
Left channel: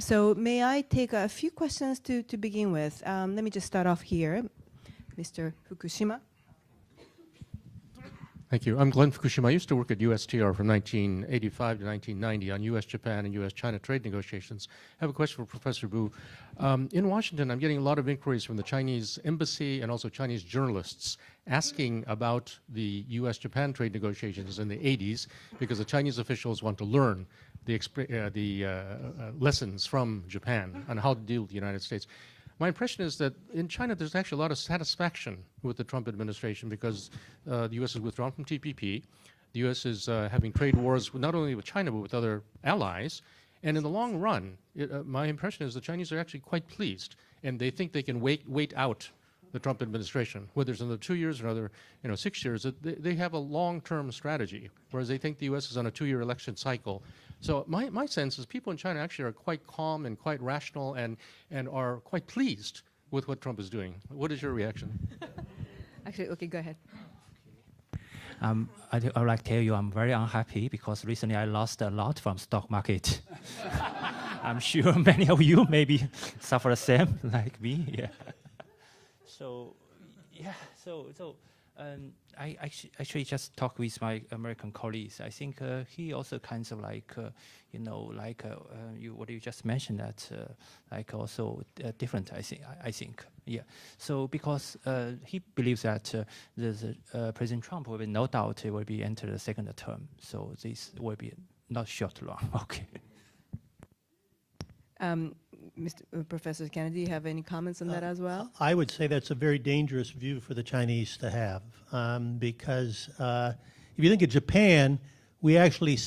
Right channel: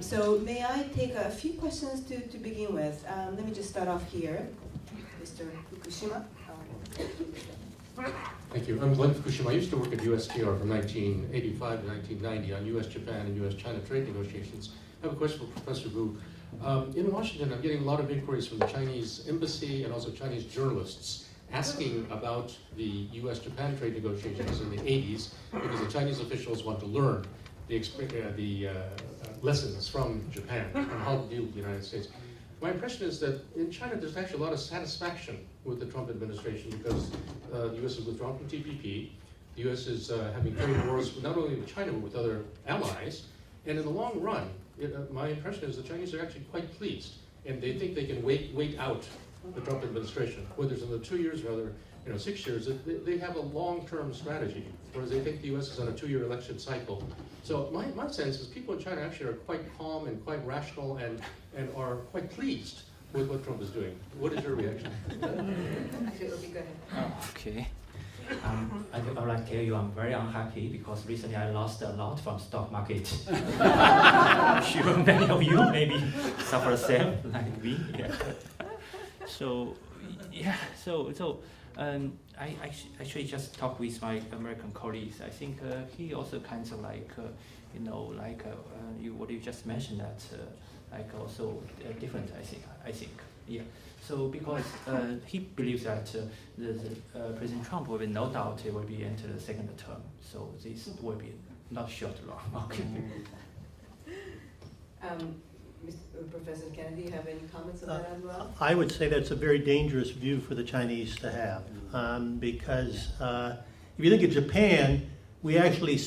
So may I take a few questions to begin with? Let me just start off here. Mr. Fukushima. Thank you. I'm Glenn Fukushima. I used to work at USTR from 1985 to 1990 on U.S.-Japan and U.S.-China trade negotiations. I have a question for Professor Wu. In Washington, I'm getting a lot of inquiries from the Chinese embassy and also Chinese journalists asking about the U.S.-Japan trade negotiations in the 80s, because the Chinese officials want to learn the lessons from Japan on how to deal with the United States. My impression is that in China there's actually a lot of satisfaction with the Trump administration, because the U.S. is withdrawn from TPP. The U.S. is having trade wars not only with China but with other allies. And in the long run, my impression is the Chinese are actually quite pleased, and they think they can wait out the Trump administration, whether it's another 2 years or another 6 years. They have a long-term strategy, whereas they think the U.S. is on a 2-year election cycle. So my sense is people in China actually are quite calm and quite rational and are quite pleased with what Trump is doing. What is your reaction? Actually, okay, go ahead. Okay. I would like to tell you I'm very unhappy because recently I lost a lot from stock market. I'm sure many of you maybe suffer the same like me. Yeah. So I actually just talked with my American colleagues. I think he also kind of what you just mentioned that also different. I think. Yeah. So because he believes that President Trump will no doubt will be enter the second term. So this will be not short long. Okay. Professor Kennedy, do you have any comments on that as well? I would say that's a very dangerous view for the Chinese to have, because if you think of Japan, we actually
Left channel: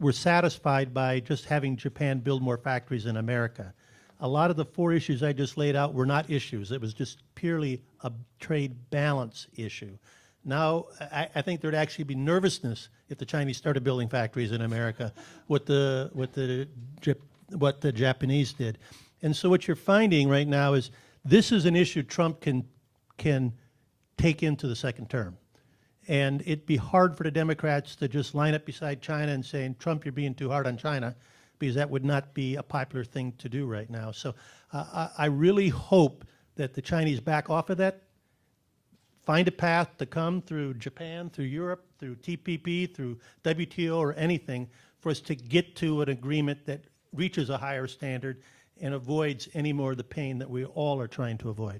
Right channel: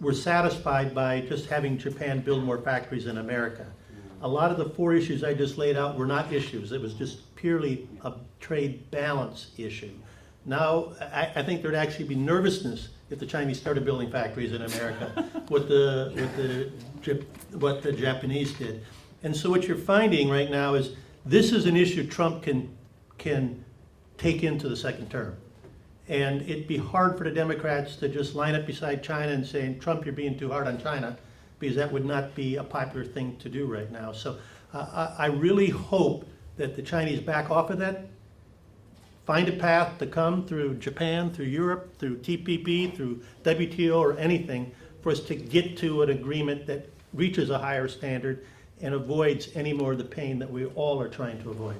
were satisfied by just having Japan build more factories in America. A lot of the 4 issues I just laid out were not issues. It was just purely a trade balance issue. Now, I think there'd actually be nervousness if the Chinese started building factories in America, what the Japanese did. And so what you're finding right now is this is an issue Trump can take into the second term. And it'd be hard for the Democrats to just line up beside China and saying, Trump, you're being too hard on China, because that would not be a popular thing to do right now. So I really hope that the Chinese back off of that, find a path to come through Japan, through Europe, through TPP, through WTO or anything, for us to get to an agreement that reaches a higher standard and avoids any more of the pain that we all are trying to avoid.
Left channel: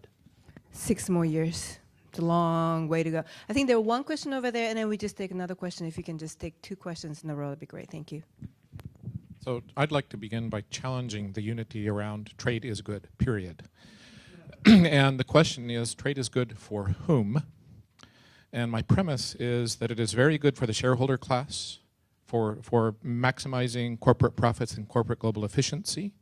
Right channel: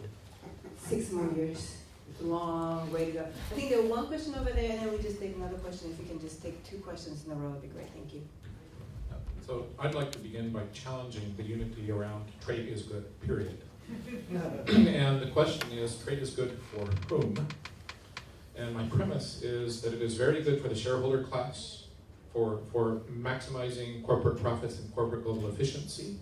6 more years. It's a long way to go. I think there's one question over there, and then we just take another question. If you can just take 2 questions in a row, that'd be great. Thank you. So I'd like to begin by challenging the unity around trade is good, period. And the question is, trade is good for whom? And my premise is that it is very good for the shareholder class, for maximizing corporate profits and corporate global efficiency.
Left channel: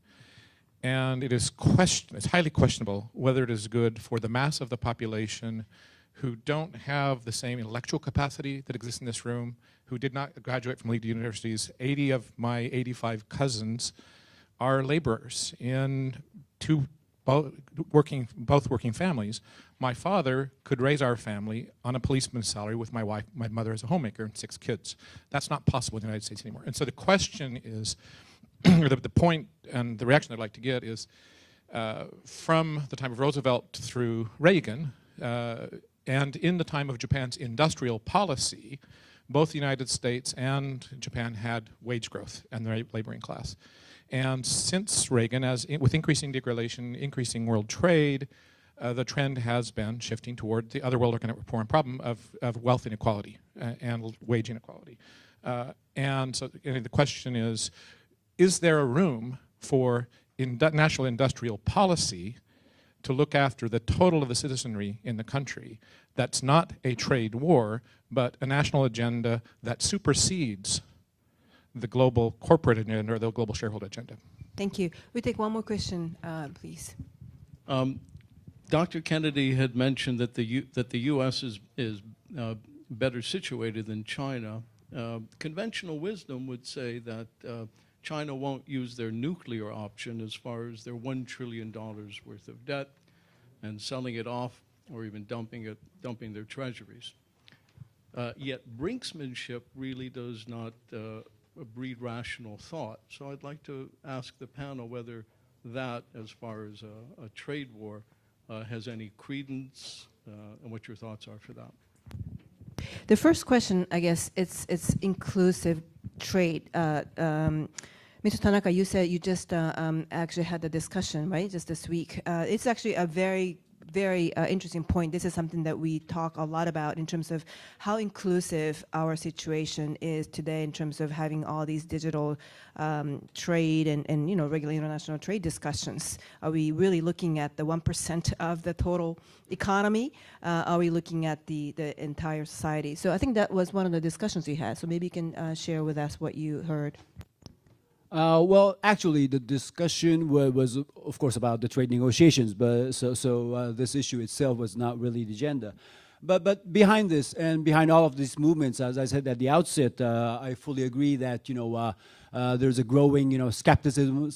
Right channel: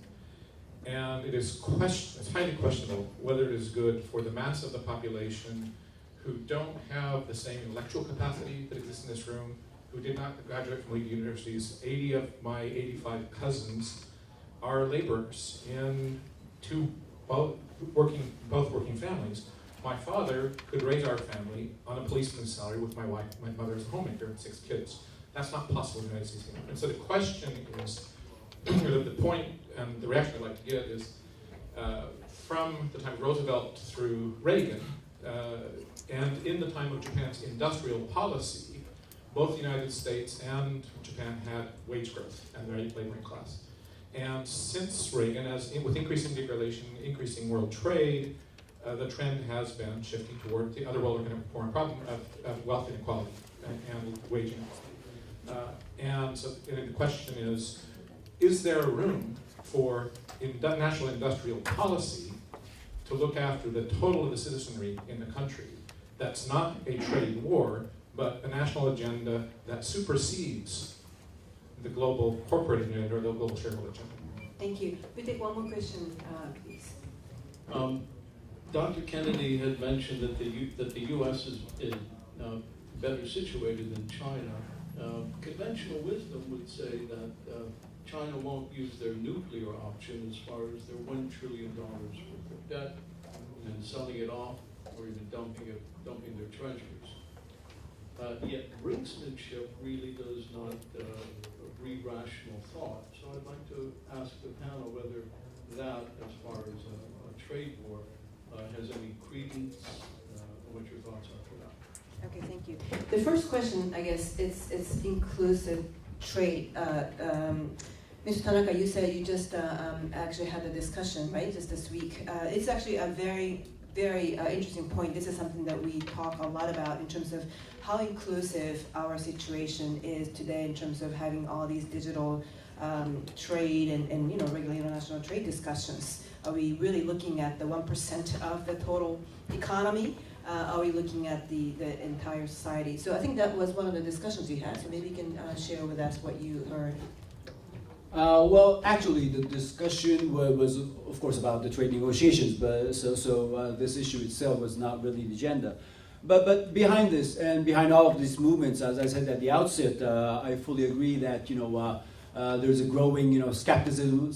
And it is it's highly questionable whether it is good for the mass of the population who don't have the same intellectual capacity that exists in this room, who did not graduate from elite universities. 80 of my 85 cousins are laborers in both working families. My father could raise our family on a policeman's salary with my wife, my mother as a homemaker, and 6 kids. That's not possible in the United States anymore. And so the question is, the point and the reaction I'd like to get is from the time of Roosevelt through Reagan, and in the time of Japan's industrial policy, both the United States and Japan had wage growth and the laboring class. And since Reagan, with increasing degradation, increasing world trade, the trend has been shifting toward the other world economic problem of wealth inequality and wage inequality. And so the question is there a room for national industrial policy to look after the total of the citizenry in the country that's not a trade war, but a national agenda that supersedes the global corporate agenda or the global shareholder agenda? Thank you. We take one more question, please. Dr. Kennedy had mentioned that the U.S. is better situated than China. Conventional wisdom would say that China won't use their nuclear option as far as their $1 trillion worth of debt and selling it off or even dumping their treasuries. Yet brinksmanship really does not breed rational thought. So I'd like to ask the panel whether that, as far as a trade war, has any credence, and what your thoughts are for that. Okay, thank you. The first question, I guess, it's inclusive trade. Mr. Tanaka, you said you just actually had a discussion, right, just this week. It's actually a very, very interesting point. This is something that we talk a lot about in terms of how inclusive our situation is today in terms of having all these digital trade and regular international trade discussions. Are we really looking at the 1% of the total economy? Are we looking at the entire society? So I think that was one of the discussions you had. So maybe you can share with us what you heard. Well, actually, the discussion was, of course, about the trade negotiations, but so this issue itself was not really the agenda. But behind this and behind all of these movements, as I said at the outset, I fully agree that there's a growing skepticism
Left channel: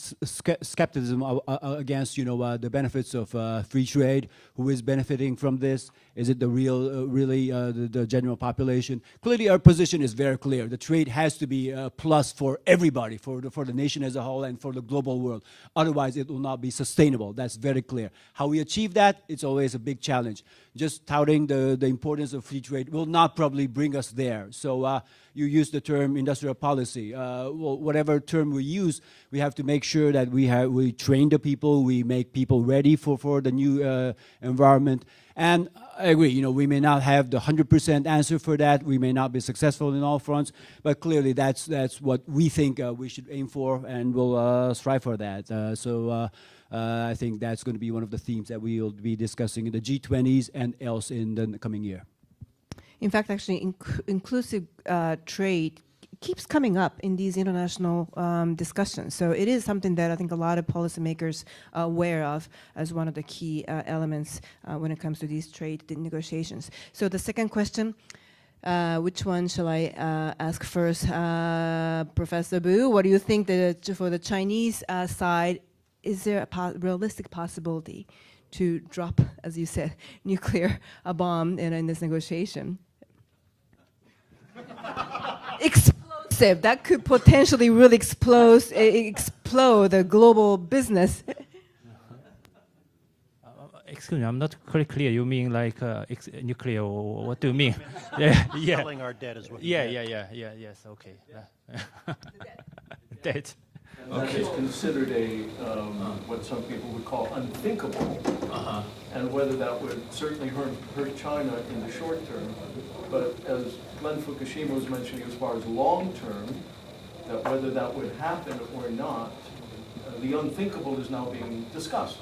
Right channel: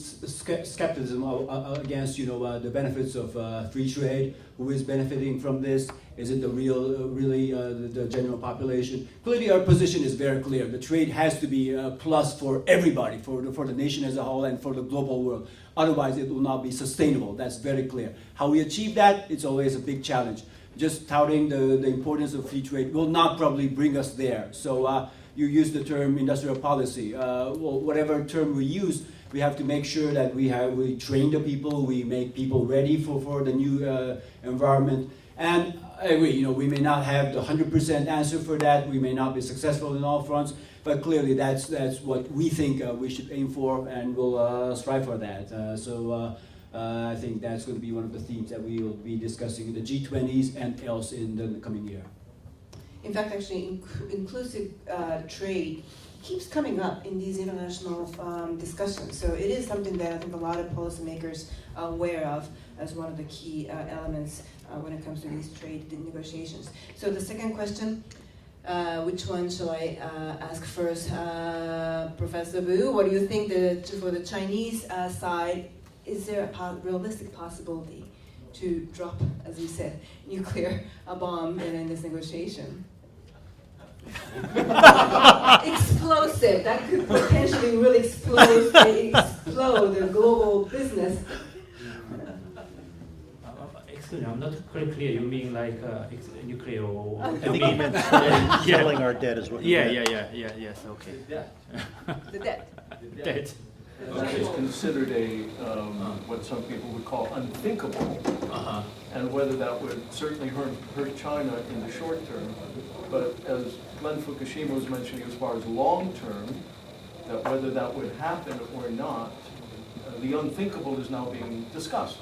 against the benefits of free trade. Who is benefiting from this? Is it the really the general population? Clearly, our position is very clear. The trade has to be a plus for everybody, for the nation as a whole, and for the global world. Otherwise, it will not be sustainable. That's very clear. How we achieve that, it's always a big challenge. Just touting the importance of free trade will not probably bring us there. So you use the term industrial policy. Well, whatever term we use, we have to make sure that we train the people, we make people ready for the new environment. And I agree, we may not have the 100% answer for that. We may not be successful in all fronts, but clearly that's what we think we should aim for, and we'll strive for that. I think that's going to be one of the themes that we will be discussing in the G20s and else in the coming year. In fact, actually, inclusive trade keeps coming up in these international discussions. So it is something that I think a lot of policymakers are aware of as one of the key elements when it comes to these trade negotiations. So the second question, which one shall I ask first? Professor Bu, what do you think for the Chinese side, is there a realistic possibility to drop, as you said, nuclear bomb in this negotiation? Explosive. That could potentially really explode the global business. Excuse me, I'm not quite clear. You mean like nuclear, or what do you mean? Selling our debt is what you meant. Yes, okay. The debt. Debt. That is considered what some people would call unthinkable, and whether that would certainly hurt China in the short term. But as Glenn Fukushima was mentioning, as far as long term, that whether that would happen or not, the unthinkable is now being discussed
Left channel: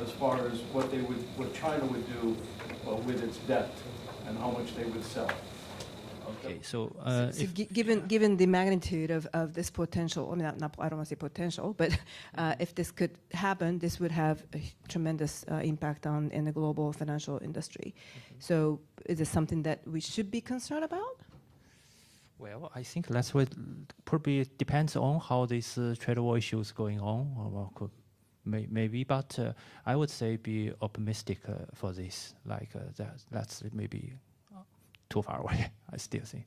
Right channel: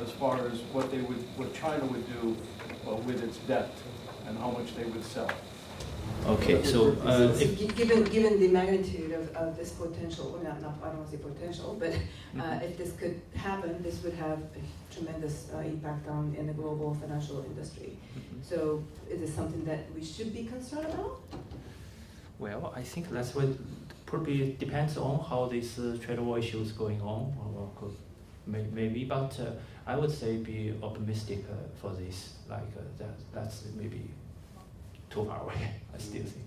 as far as what China would do with its debt and how much they would sell. Okay, so given the magnitude of this potential, I don't want to say potential, but if this could happen, this would have a tremendous impact in the global financial industry. So is it something that we should be concerned about? well, I think that's what probably depends on how this trade war issue is going on. Maybe, but I would say be optimistic for this. That's maybe too far away. I still think.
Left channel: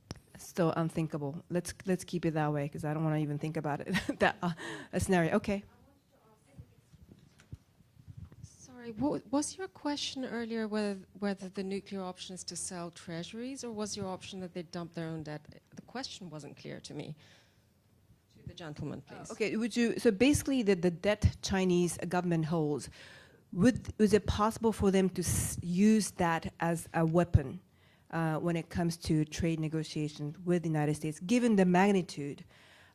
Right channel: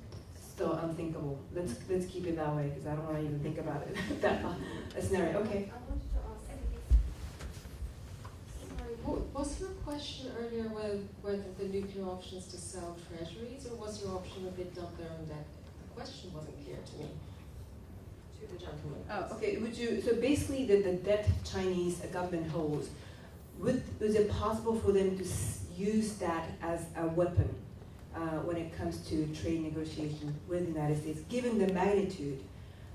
still unthinkable. Let's keep it that way because I don't want to even think about it. That a scenario. Okay. Sorry, was your question earlier whether the nuclear option is to sell treasuries, or was your option that they dump their own debt? The question wasn't clear to me. To the gentleman. Oh, okay. Would you? So basically, the debt Chinese government holds, is it possible for them to use that as a weapon when it comes to trade negotiations with the United States, given the magnitude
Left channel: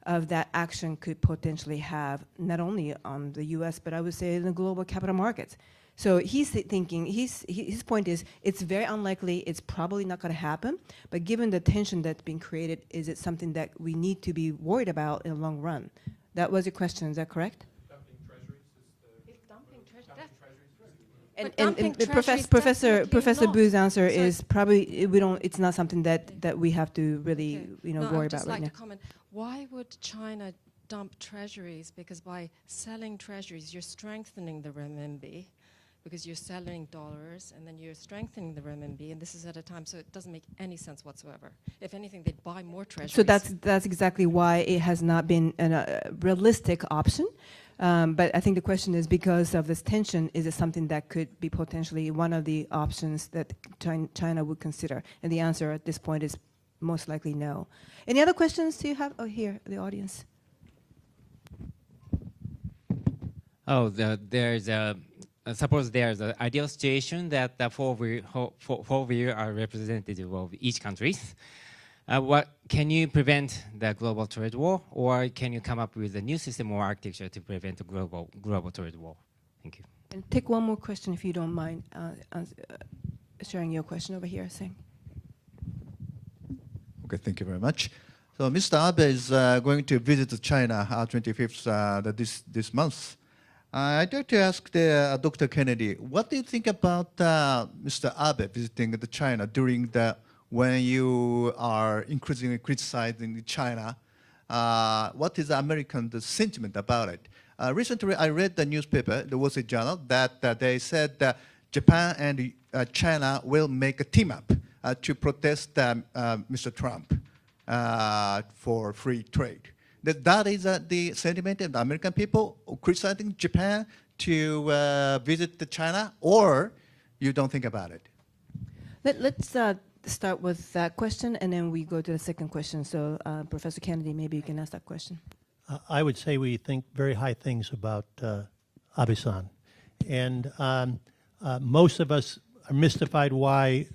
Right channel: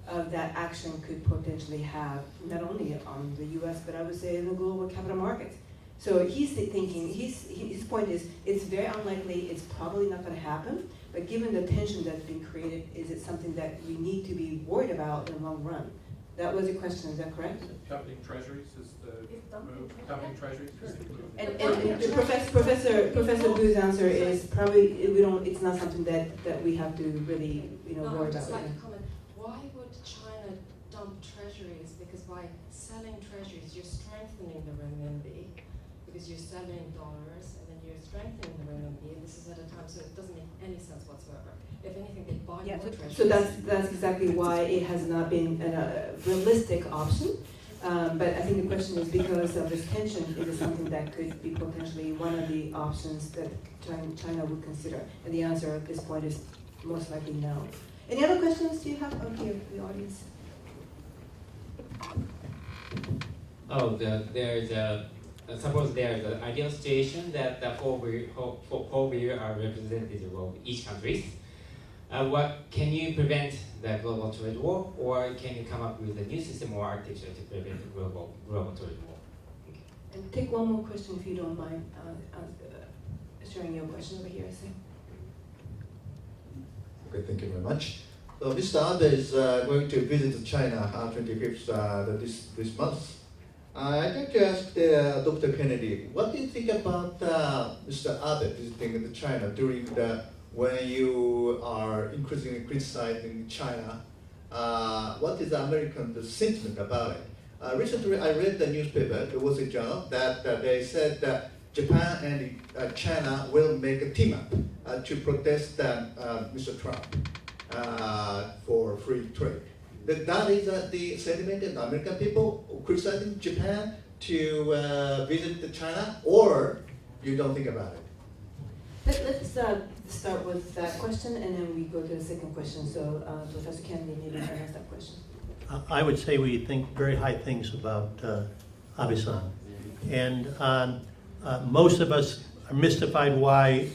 of that action could potentially have not only on the U.S. but I would say in the global capital markets? So he's thinking, his point is, it's very unlikely, it's probably not going to happen, but given the tension that's been created, is it something that we need to be worried about in the long run? That was your question, is that correct? Dumping treasuries is the move. Dumping treasuries is the move. And Professor Boo's answer is probably it's not something that we have to really worry I'd just about like right to comment. Why would China dump treasuries? Because by selling treasuries, you're strengthening the renminbi, because you're selling dollars and then you're strengthening the renminbi, and this is at a time, so it doesn't make any sense whatsoever. If anything, they'd buy more treasuries. So that's exactly why it has not been a realistic option. But I think the question is, because of this tension, is it something that could be potentially one of the options that China would consider? And the answer at this point is most likely no. Any other questions do you have? Oh, here, the audience. Suppose there's an ideal situation that the four of you are representative of each country. Can you prevent the global trade war, or can you come up with a new system or architecture to prevent the global trade war? Thank you. And take one more question if you don't mind sharing your question over here. Say. Okay, thank you very much. So Mr. Abe is going to visit China 25th this month. I'd like to ask Dr. Kennedy, what do you think about Mr. Abe visiting China when you are increasingly criticizing China? What is the American sentiment about it? Recently, I read the newspaper, the Wall Street Journal, that they said that Japan and China will make a team up to protest Mr. Trump for free trade. That is the sentiment of the American people criticizing Japan to visit China, or you don't think about it? Let's start with that question, and then we go to the second question. So, Professor Kennedy, maybe you can ask that question. I would say we think very high things about Abe-san. And most of us are mystified why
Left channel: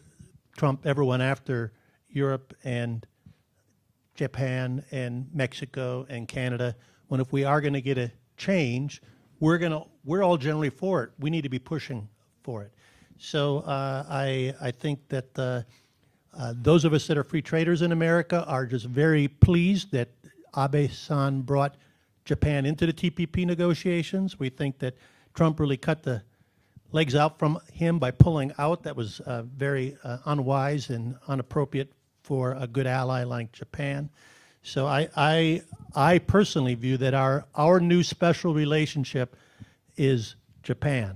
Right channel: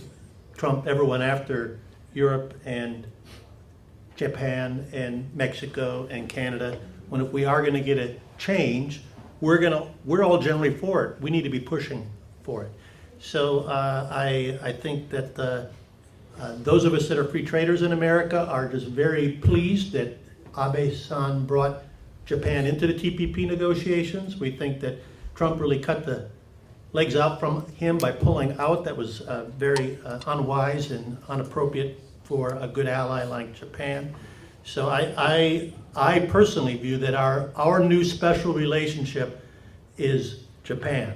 Trump ever went after Europe and Japan and Mexico and Canada, when if we are going to get a change, we're all generally for it. We need to be pushing for it. So I think that those of us that are free traders in America are just very pleased that Abe-san brought Japan into the TPP negotiations. We think that Trump really cut the legs out from him by pulling out. That was very unwise and inappropriate for a good ally like Japan. So I personally view that our new special relationship is Japan.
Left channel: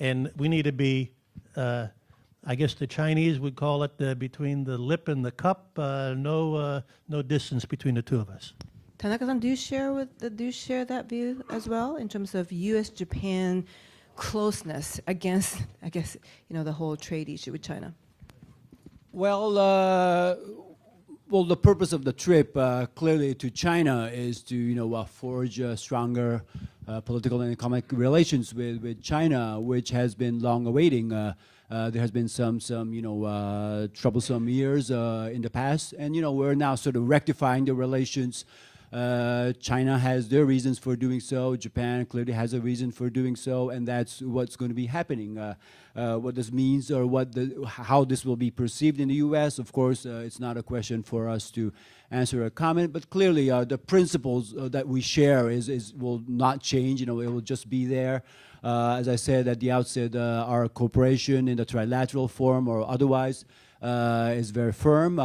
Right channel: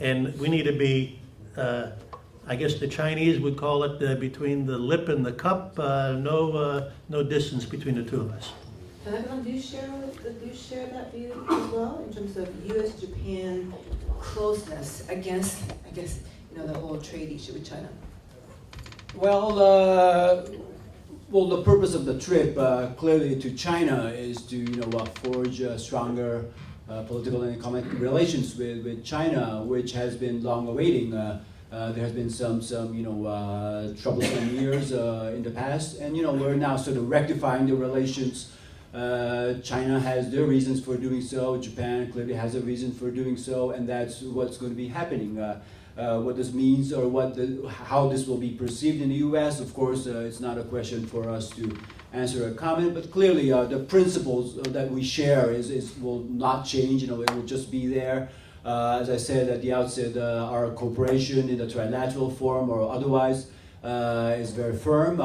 And we need to be, I guess the Chinese would call it between the lip and the cup, no distance between the two of us. Tanaka-san, do you share that view as well in terms of U.S.-Japan closeness against, I guess, the whole trade issue with China? Well, the purpose of the trip clearly to China is to forge stronger political and economic relations with China, which has been long awaiting. There has been some troublesome years in the past, and we're now sort of rectifying the relations. China has their reasons for doing so. Japan clearly has a reason for doing so, and that's what's going to be happening. What this means, or how this will be perceived in the U.S., of course, it's not a question for us to answer or comment. But clearly, the principles that we share will not change. It will just be there. As I said at the outset, our cooperation in the trilateral form or otherwise is very firm.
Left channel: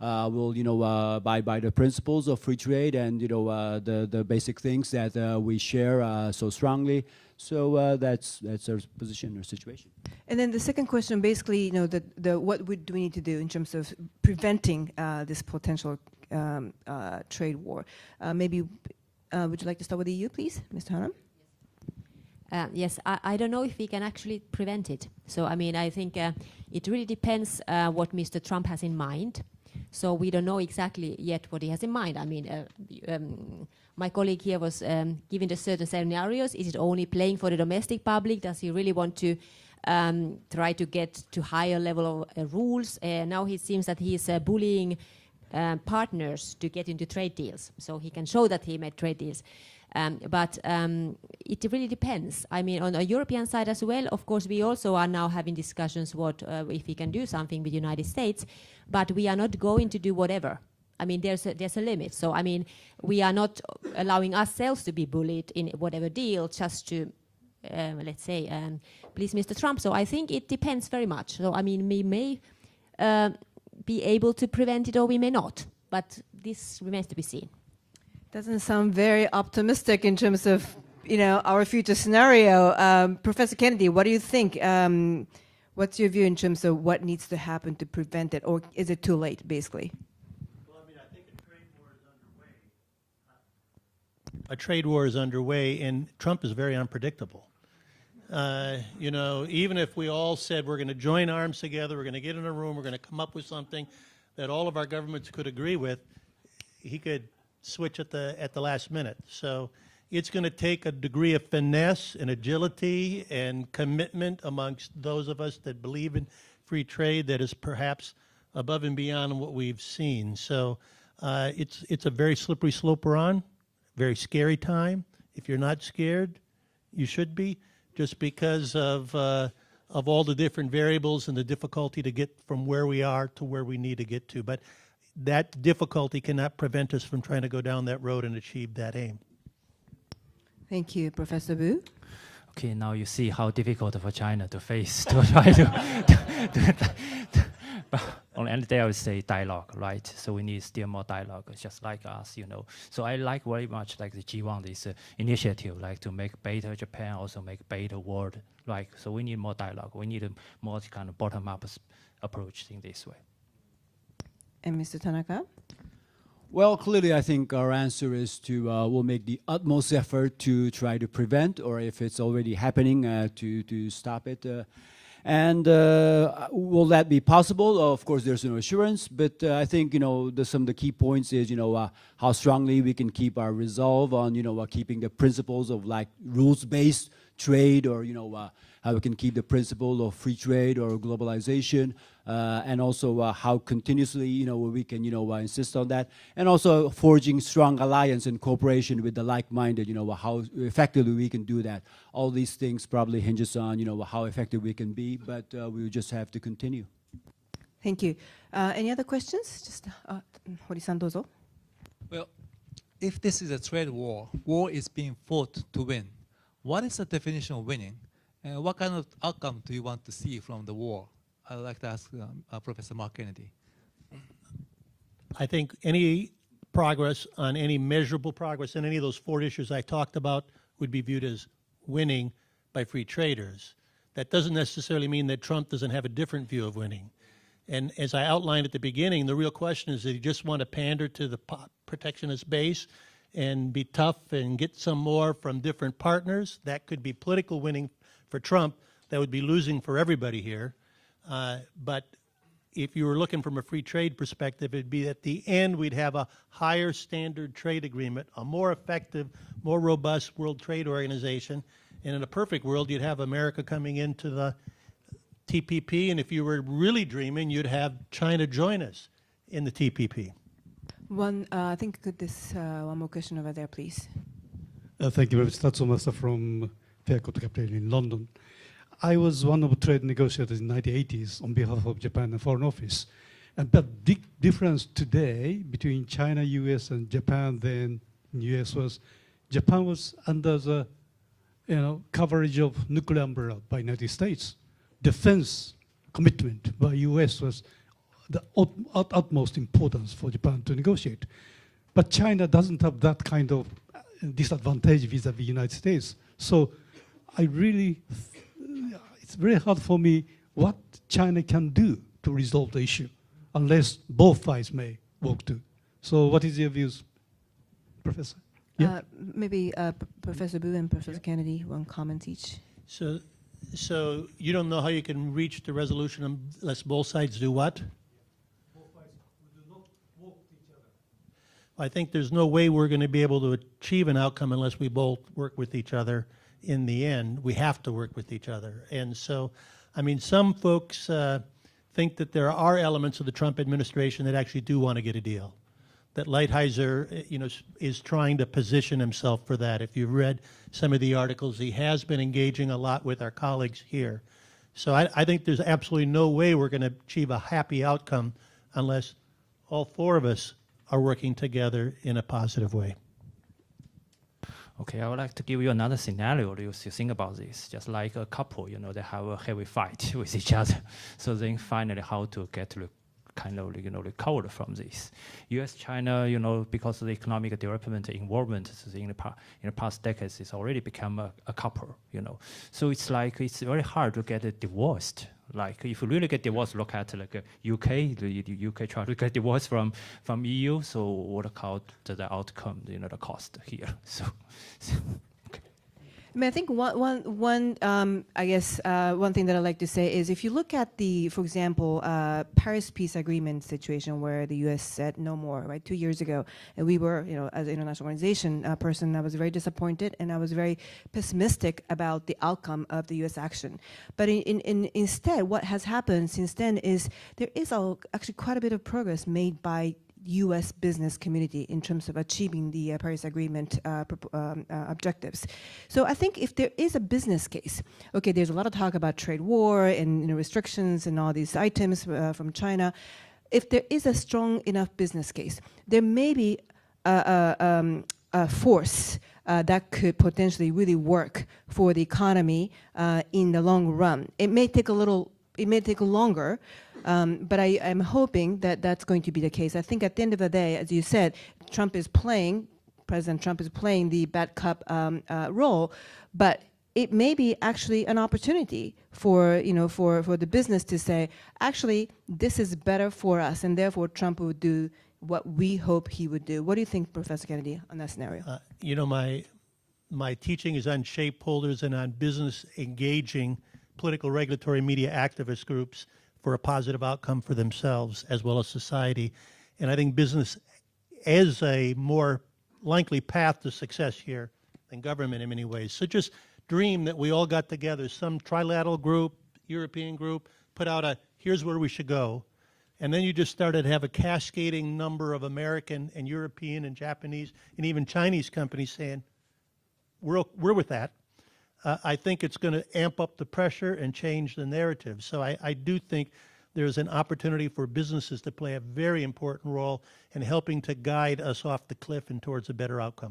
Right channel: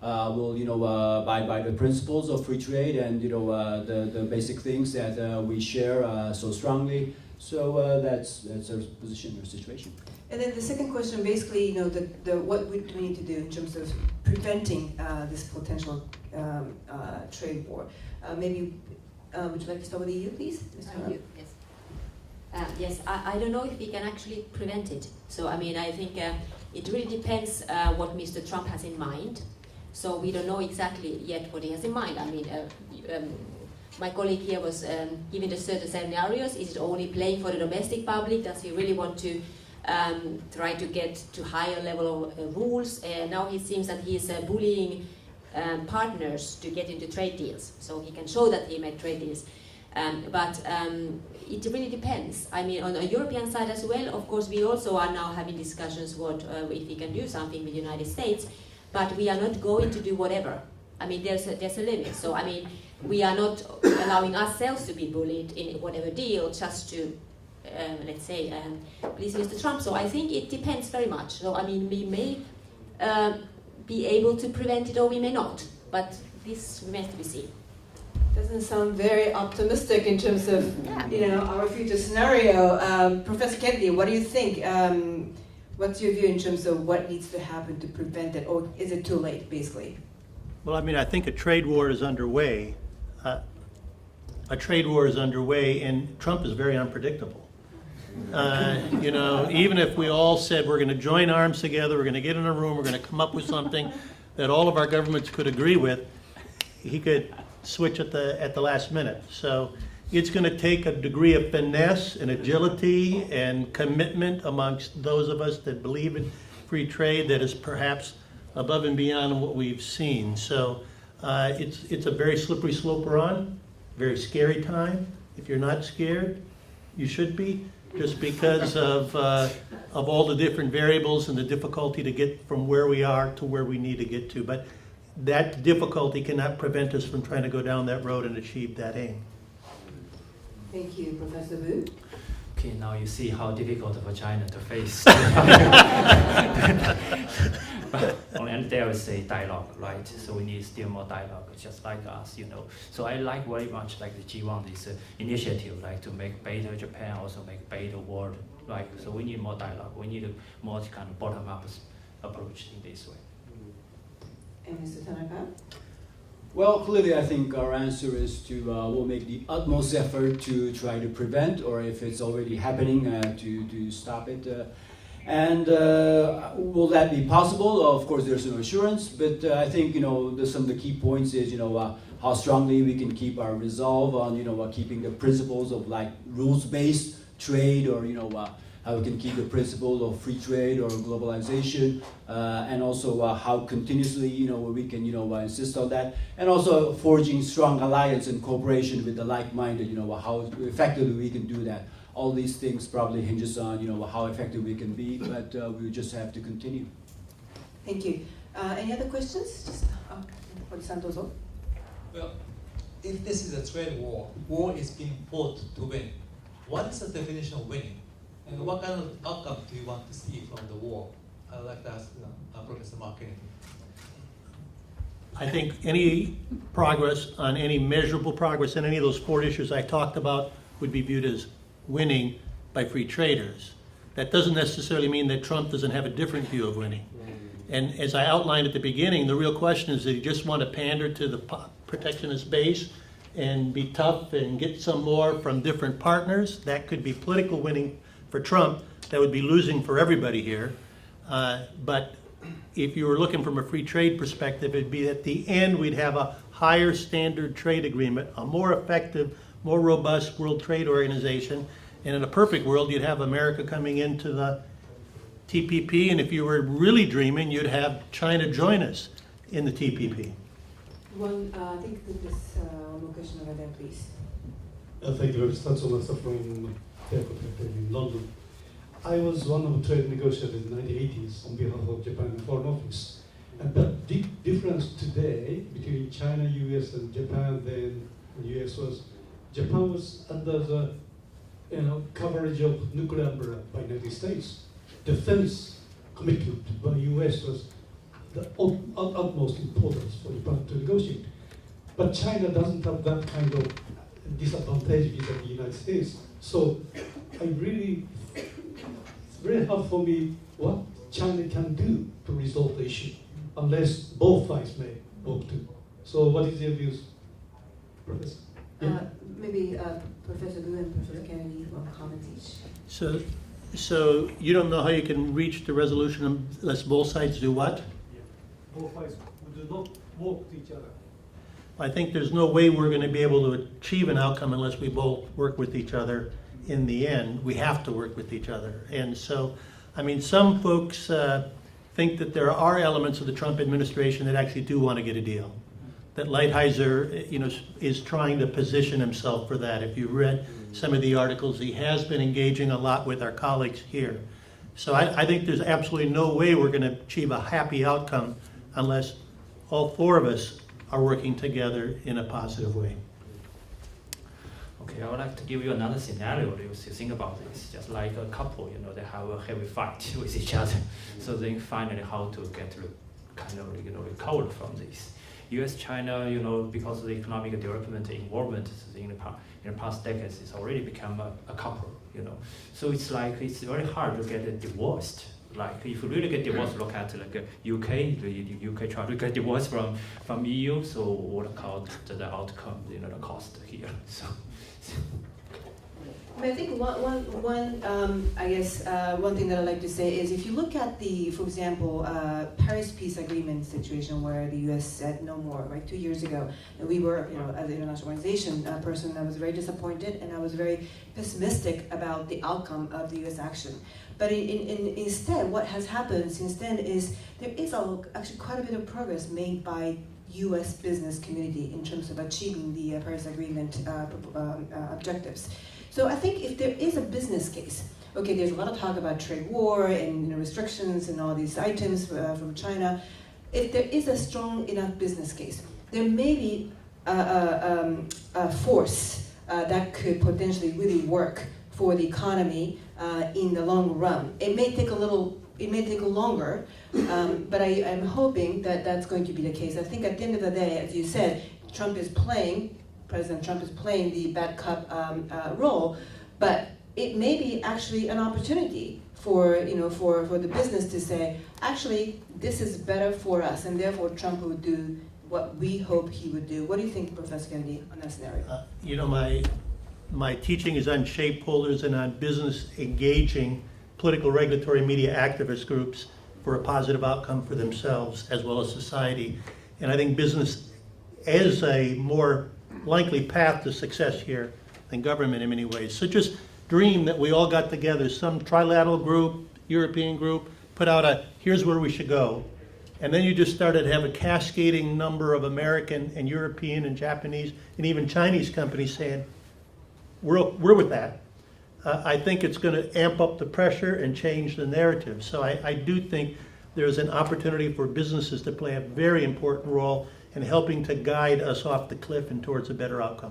We'll abide by the principles of free trade and the basic things that we share so strongly. So that's our position, our situation. And then the second question, basically, you know, what do we need to do in terms of preventing this potential trade war? Maybe, would you like to start with the EU, please, Mr. Hara? Yes, I don't know if we can actually prevent it. So, I mean, I think it really depends what Mr. Trump has in mind. So we don't know exactly yet what he has in mind. I mean, my colleague here was giving the certain scenarios. Is it only playing for the domestic public? Does he really want to try to get to higher level of rules? And now it seems that he's bullying partners to get into trade deals. So he can show that he made trade deals. But it really depends. I mean, on the European side as well, of course, we also are now having discussions what if we can do something with the United States, but we are not going to do whatever. I mean, there's a limit. So, I mean, we are not allowing ourselves to be bullied in whatever deal just to, let's say, please Mr. Trump. So I think it depends very much. So, I mean, we may be able to prevent it or we may not, but this remains to be seen. Doesn't sound very optimistic in terms of, you know, our future scenario. Professor Kennedy, what do you think? What's your view in terms of what needs to happen to prevent it, or is it too late, basically? Well, I mean, I think a trade war is underway. A trade war is underway, and Trump is very unpredictable. You know, even if we all said we're going to join arms together, we're going to get in a room, we're going to come up with something that all of our governments could agree with, he could switch at the last minute. So it's going to take a degree of finesse and agility and commitment amongst those of us that believe in free trade that is perhaps above and beyond what we've seen. So it's a very slippery slope we're on, very scary time. If you're not scared, you should be, just because of all the different variables and the difficulty to get from where we are to where we need to get to. But that difficulty cannot prevent us from trying to go down that road and achieve that aim. Thank you, Professor Wu. Okay, now you see how difficult for China to face. On end there is a dialogue, right? So we need still more dialogue, just like us, you know. So I like very much like the G1, this initiative, like to make better Japan, also make better world, right? So we need more dialogue. We need a more kind of bottom-up approach in this way. And Mr. Tanaka? Well, clearly, I think our answer is to we'll make the utmost effort to try to prevent, or if it's already happening, to stop it. And will that be possible? Of course, there's no assurance, but I think, you know, some of the key points is, you know, how strongly we can keep our resolve on, you know, keeping the principles of like rules-based trade, or, you know, how we can keep the principle of free trade or globalization, and also how continuously, you know, we can, you know, insist on that, and also forging strong alliance and cooperation with the like-minded, you know, how effectively we can do that. All these things probably hinges on, you know, how effective we can be, but we just have to continue. Thank you. Any other questions? Just Hori-san, dozo. Well, if this is a trade war, war is being fought to win. What is the definition of winning? And what kind of outcome do you want to see from the war? I'd like to ask Professor Mark Kennedy. I think any progress on any measurable progress on any of those 4 issues I talked about would be viewed as winning by free traders. That doesn't necessarily mean that Trump doesn't have a different view of winning. And as I outlined at the beginning, the real question is, that you just want to pander to the protectionist base and be tough and get some more from different partners? That could be political winning for Trump. That would be losing for everybody here. But if you were looking from a free trade perspective, it'd be at the end we'd have a higher standard trade agreement, a more effective, more robust World Trade Organization. And in a perfect world, you'd have America coming into the TPP, and if you were really dreaming, you'd have China join us in the TPP. I think this one more question over there, please. Thank you, Tatsumasa from Breakout in London. I was one of the trade negotiators in the 1980s on behalf of Japan and Foreign Office. And the big difference today between China, US, and Japan then US was Japan was under the coverage of nuclear umbrella by United States. Defense commitment by US was the utmost importance for Japan to negotiate. But China doesn't have that kind of disadvantage vis-a-vis the United States. So it's very hard for me what China can do to resolve the issue, unless both sides may work too. So what is your views, Professor? Yeah. Maybe Professor Wu and Professor Kennedy will comment each. So you don't know how you can reach the resolution unless both sides do what? Both sides do not work with each other. I think there's no way we're going to be able to achieve an outcome unless we both work with each other in the end. We have to work with each other. And so, I mean, some folks think that there are elements of the Trump administration that actually do want to get a deal. That Lighthizer, is trying to position himself for that. If you've read some of the articles, he has been engaging a lot with our colleagues here. So I think there's absolutely no way we're going to achieve a happy outcome unless all four of us are working together in a positive way. Okay, I would like to give you another scenario to think about this. Just like a couple, they have a heavy fight with each other. So then finally how to get kind of, recover from this. US-China, because of the economic development involvement in the past decades, it's already become a couple, So it's very hard to get divorced. Like if you really get divorced, look at UK. The UK try to get divorced from EU. So what about the outcome? The cost here. So. I think one thing that I'd like to say is if you look at for example, Paris Peace Agreement situation where the U.S. said no more, right, 2 years ago, and we were, as an international organization person, I was very disappointed and I was very pessimistic about the outcome of the U.S. action. But instead, what has happened since then is there is actually quite a bit of progress made by U.S. business community in terms of achieving the Paris Agreement objectives. So I think if there is a business case, okay, there's a lot of talk about trade war and restrictions and all these items from China. If there is a strong enough business case, there may be a force that could potentially really work for the economy in the long run. It may take longer, but I am hoping that that's going to be the case. I think at the end of the day, as you said, President Trump is playing the bad cop role, but it may be actually an opportunity for the business to say, actually, this is better for us, and therefore Trump would do what we hope he would do. What do you think, Professor Kennedy, on that scenario? My teaching is on shapeholders and on business engaging political, regulatory, media activist groups for a positive outcome for themselves as well as society. And I think business is a more likely path to success here than government in many ways. So just dream that we all got together, some trilateral group, European group, put out here's where we should go. And then you just started to have a cascading number of American and European and Japanese and even Chinese companies saying, we're with that. I think it's going to amp up the pressure and change the narrative. So I do think there's an opportunity for businesses to play a very important role in helping to guide us off the cliff and towards a better outcome.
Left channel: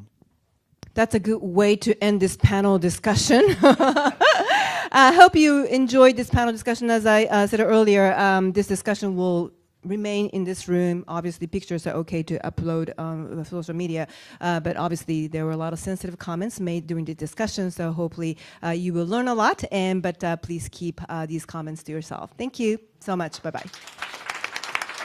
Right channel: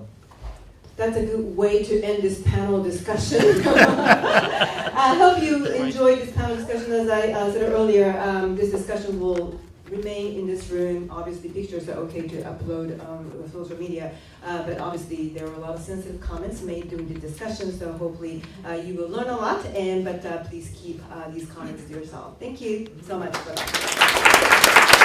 That's a good way to end this panel discussion. I hope you enjoyed this panel discussion. As I said earlier, this discussion will remain in this room. Obviously, pictures are okay to upload with social media, but obviously there were a lot of sensitive comments made during the discussion, so hopefully you will learn a lot, but please keep these comments to yourself. Thank you so much. Bye-bye.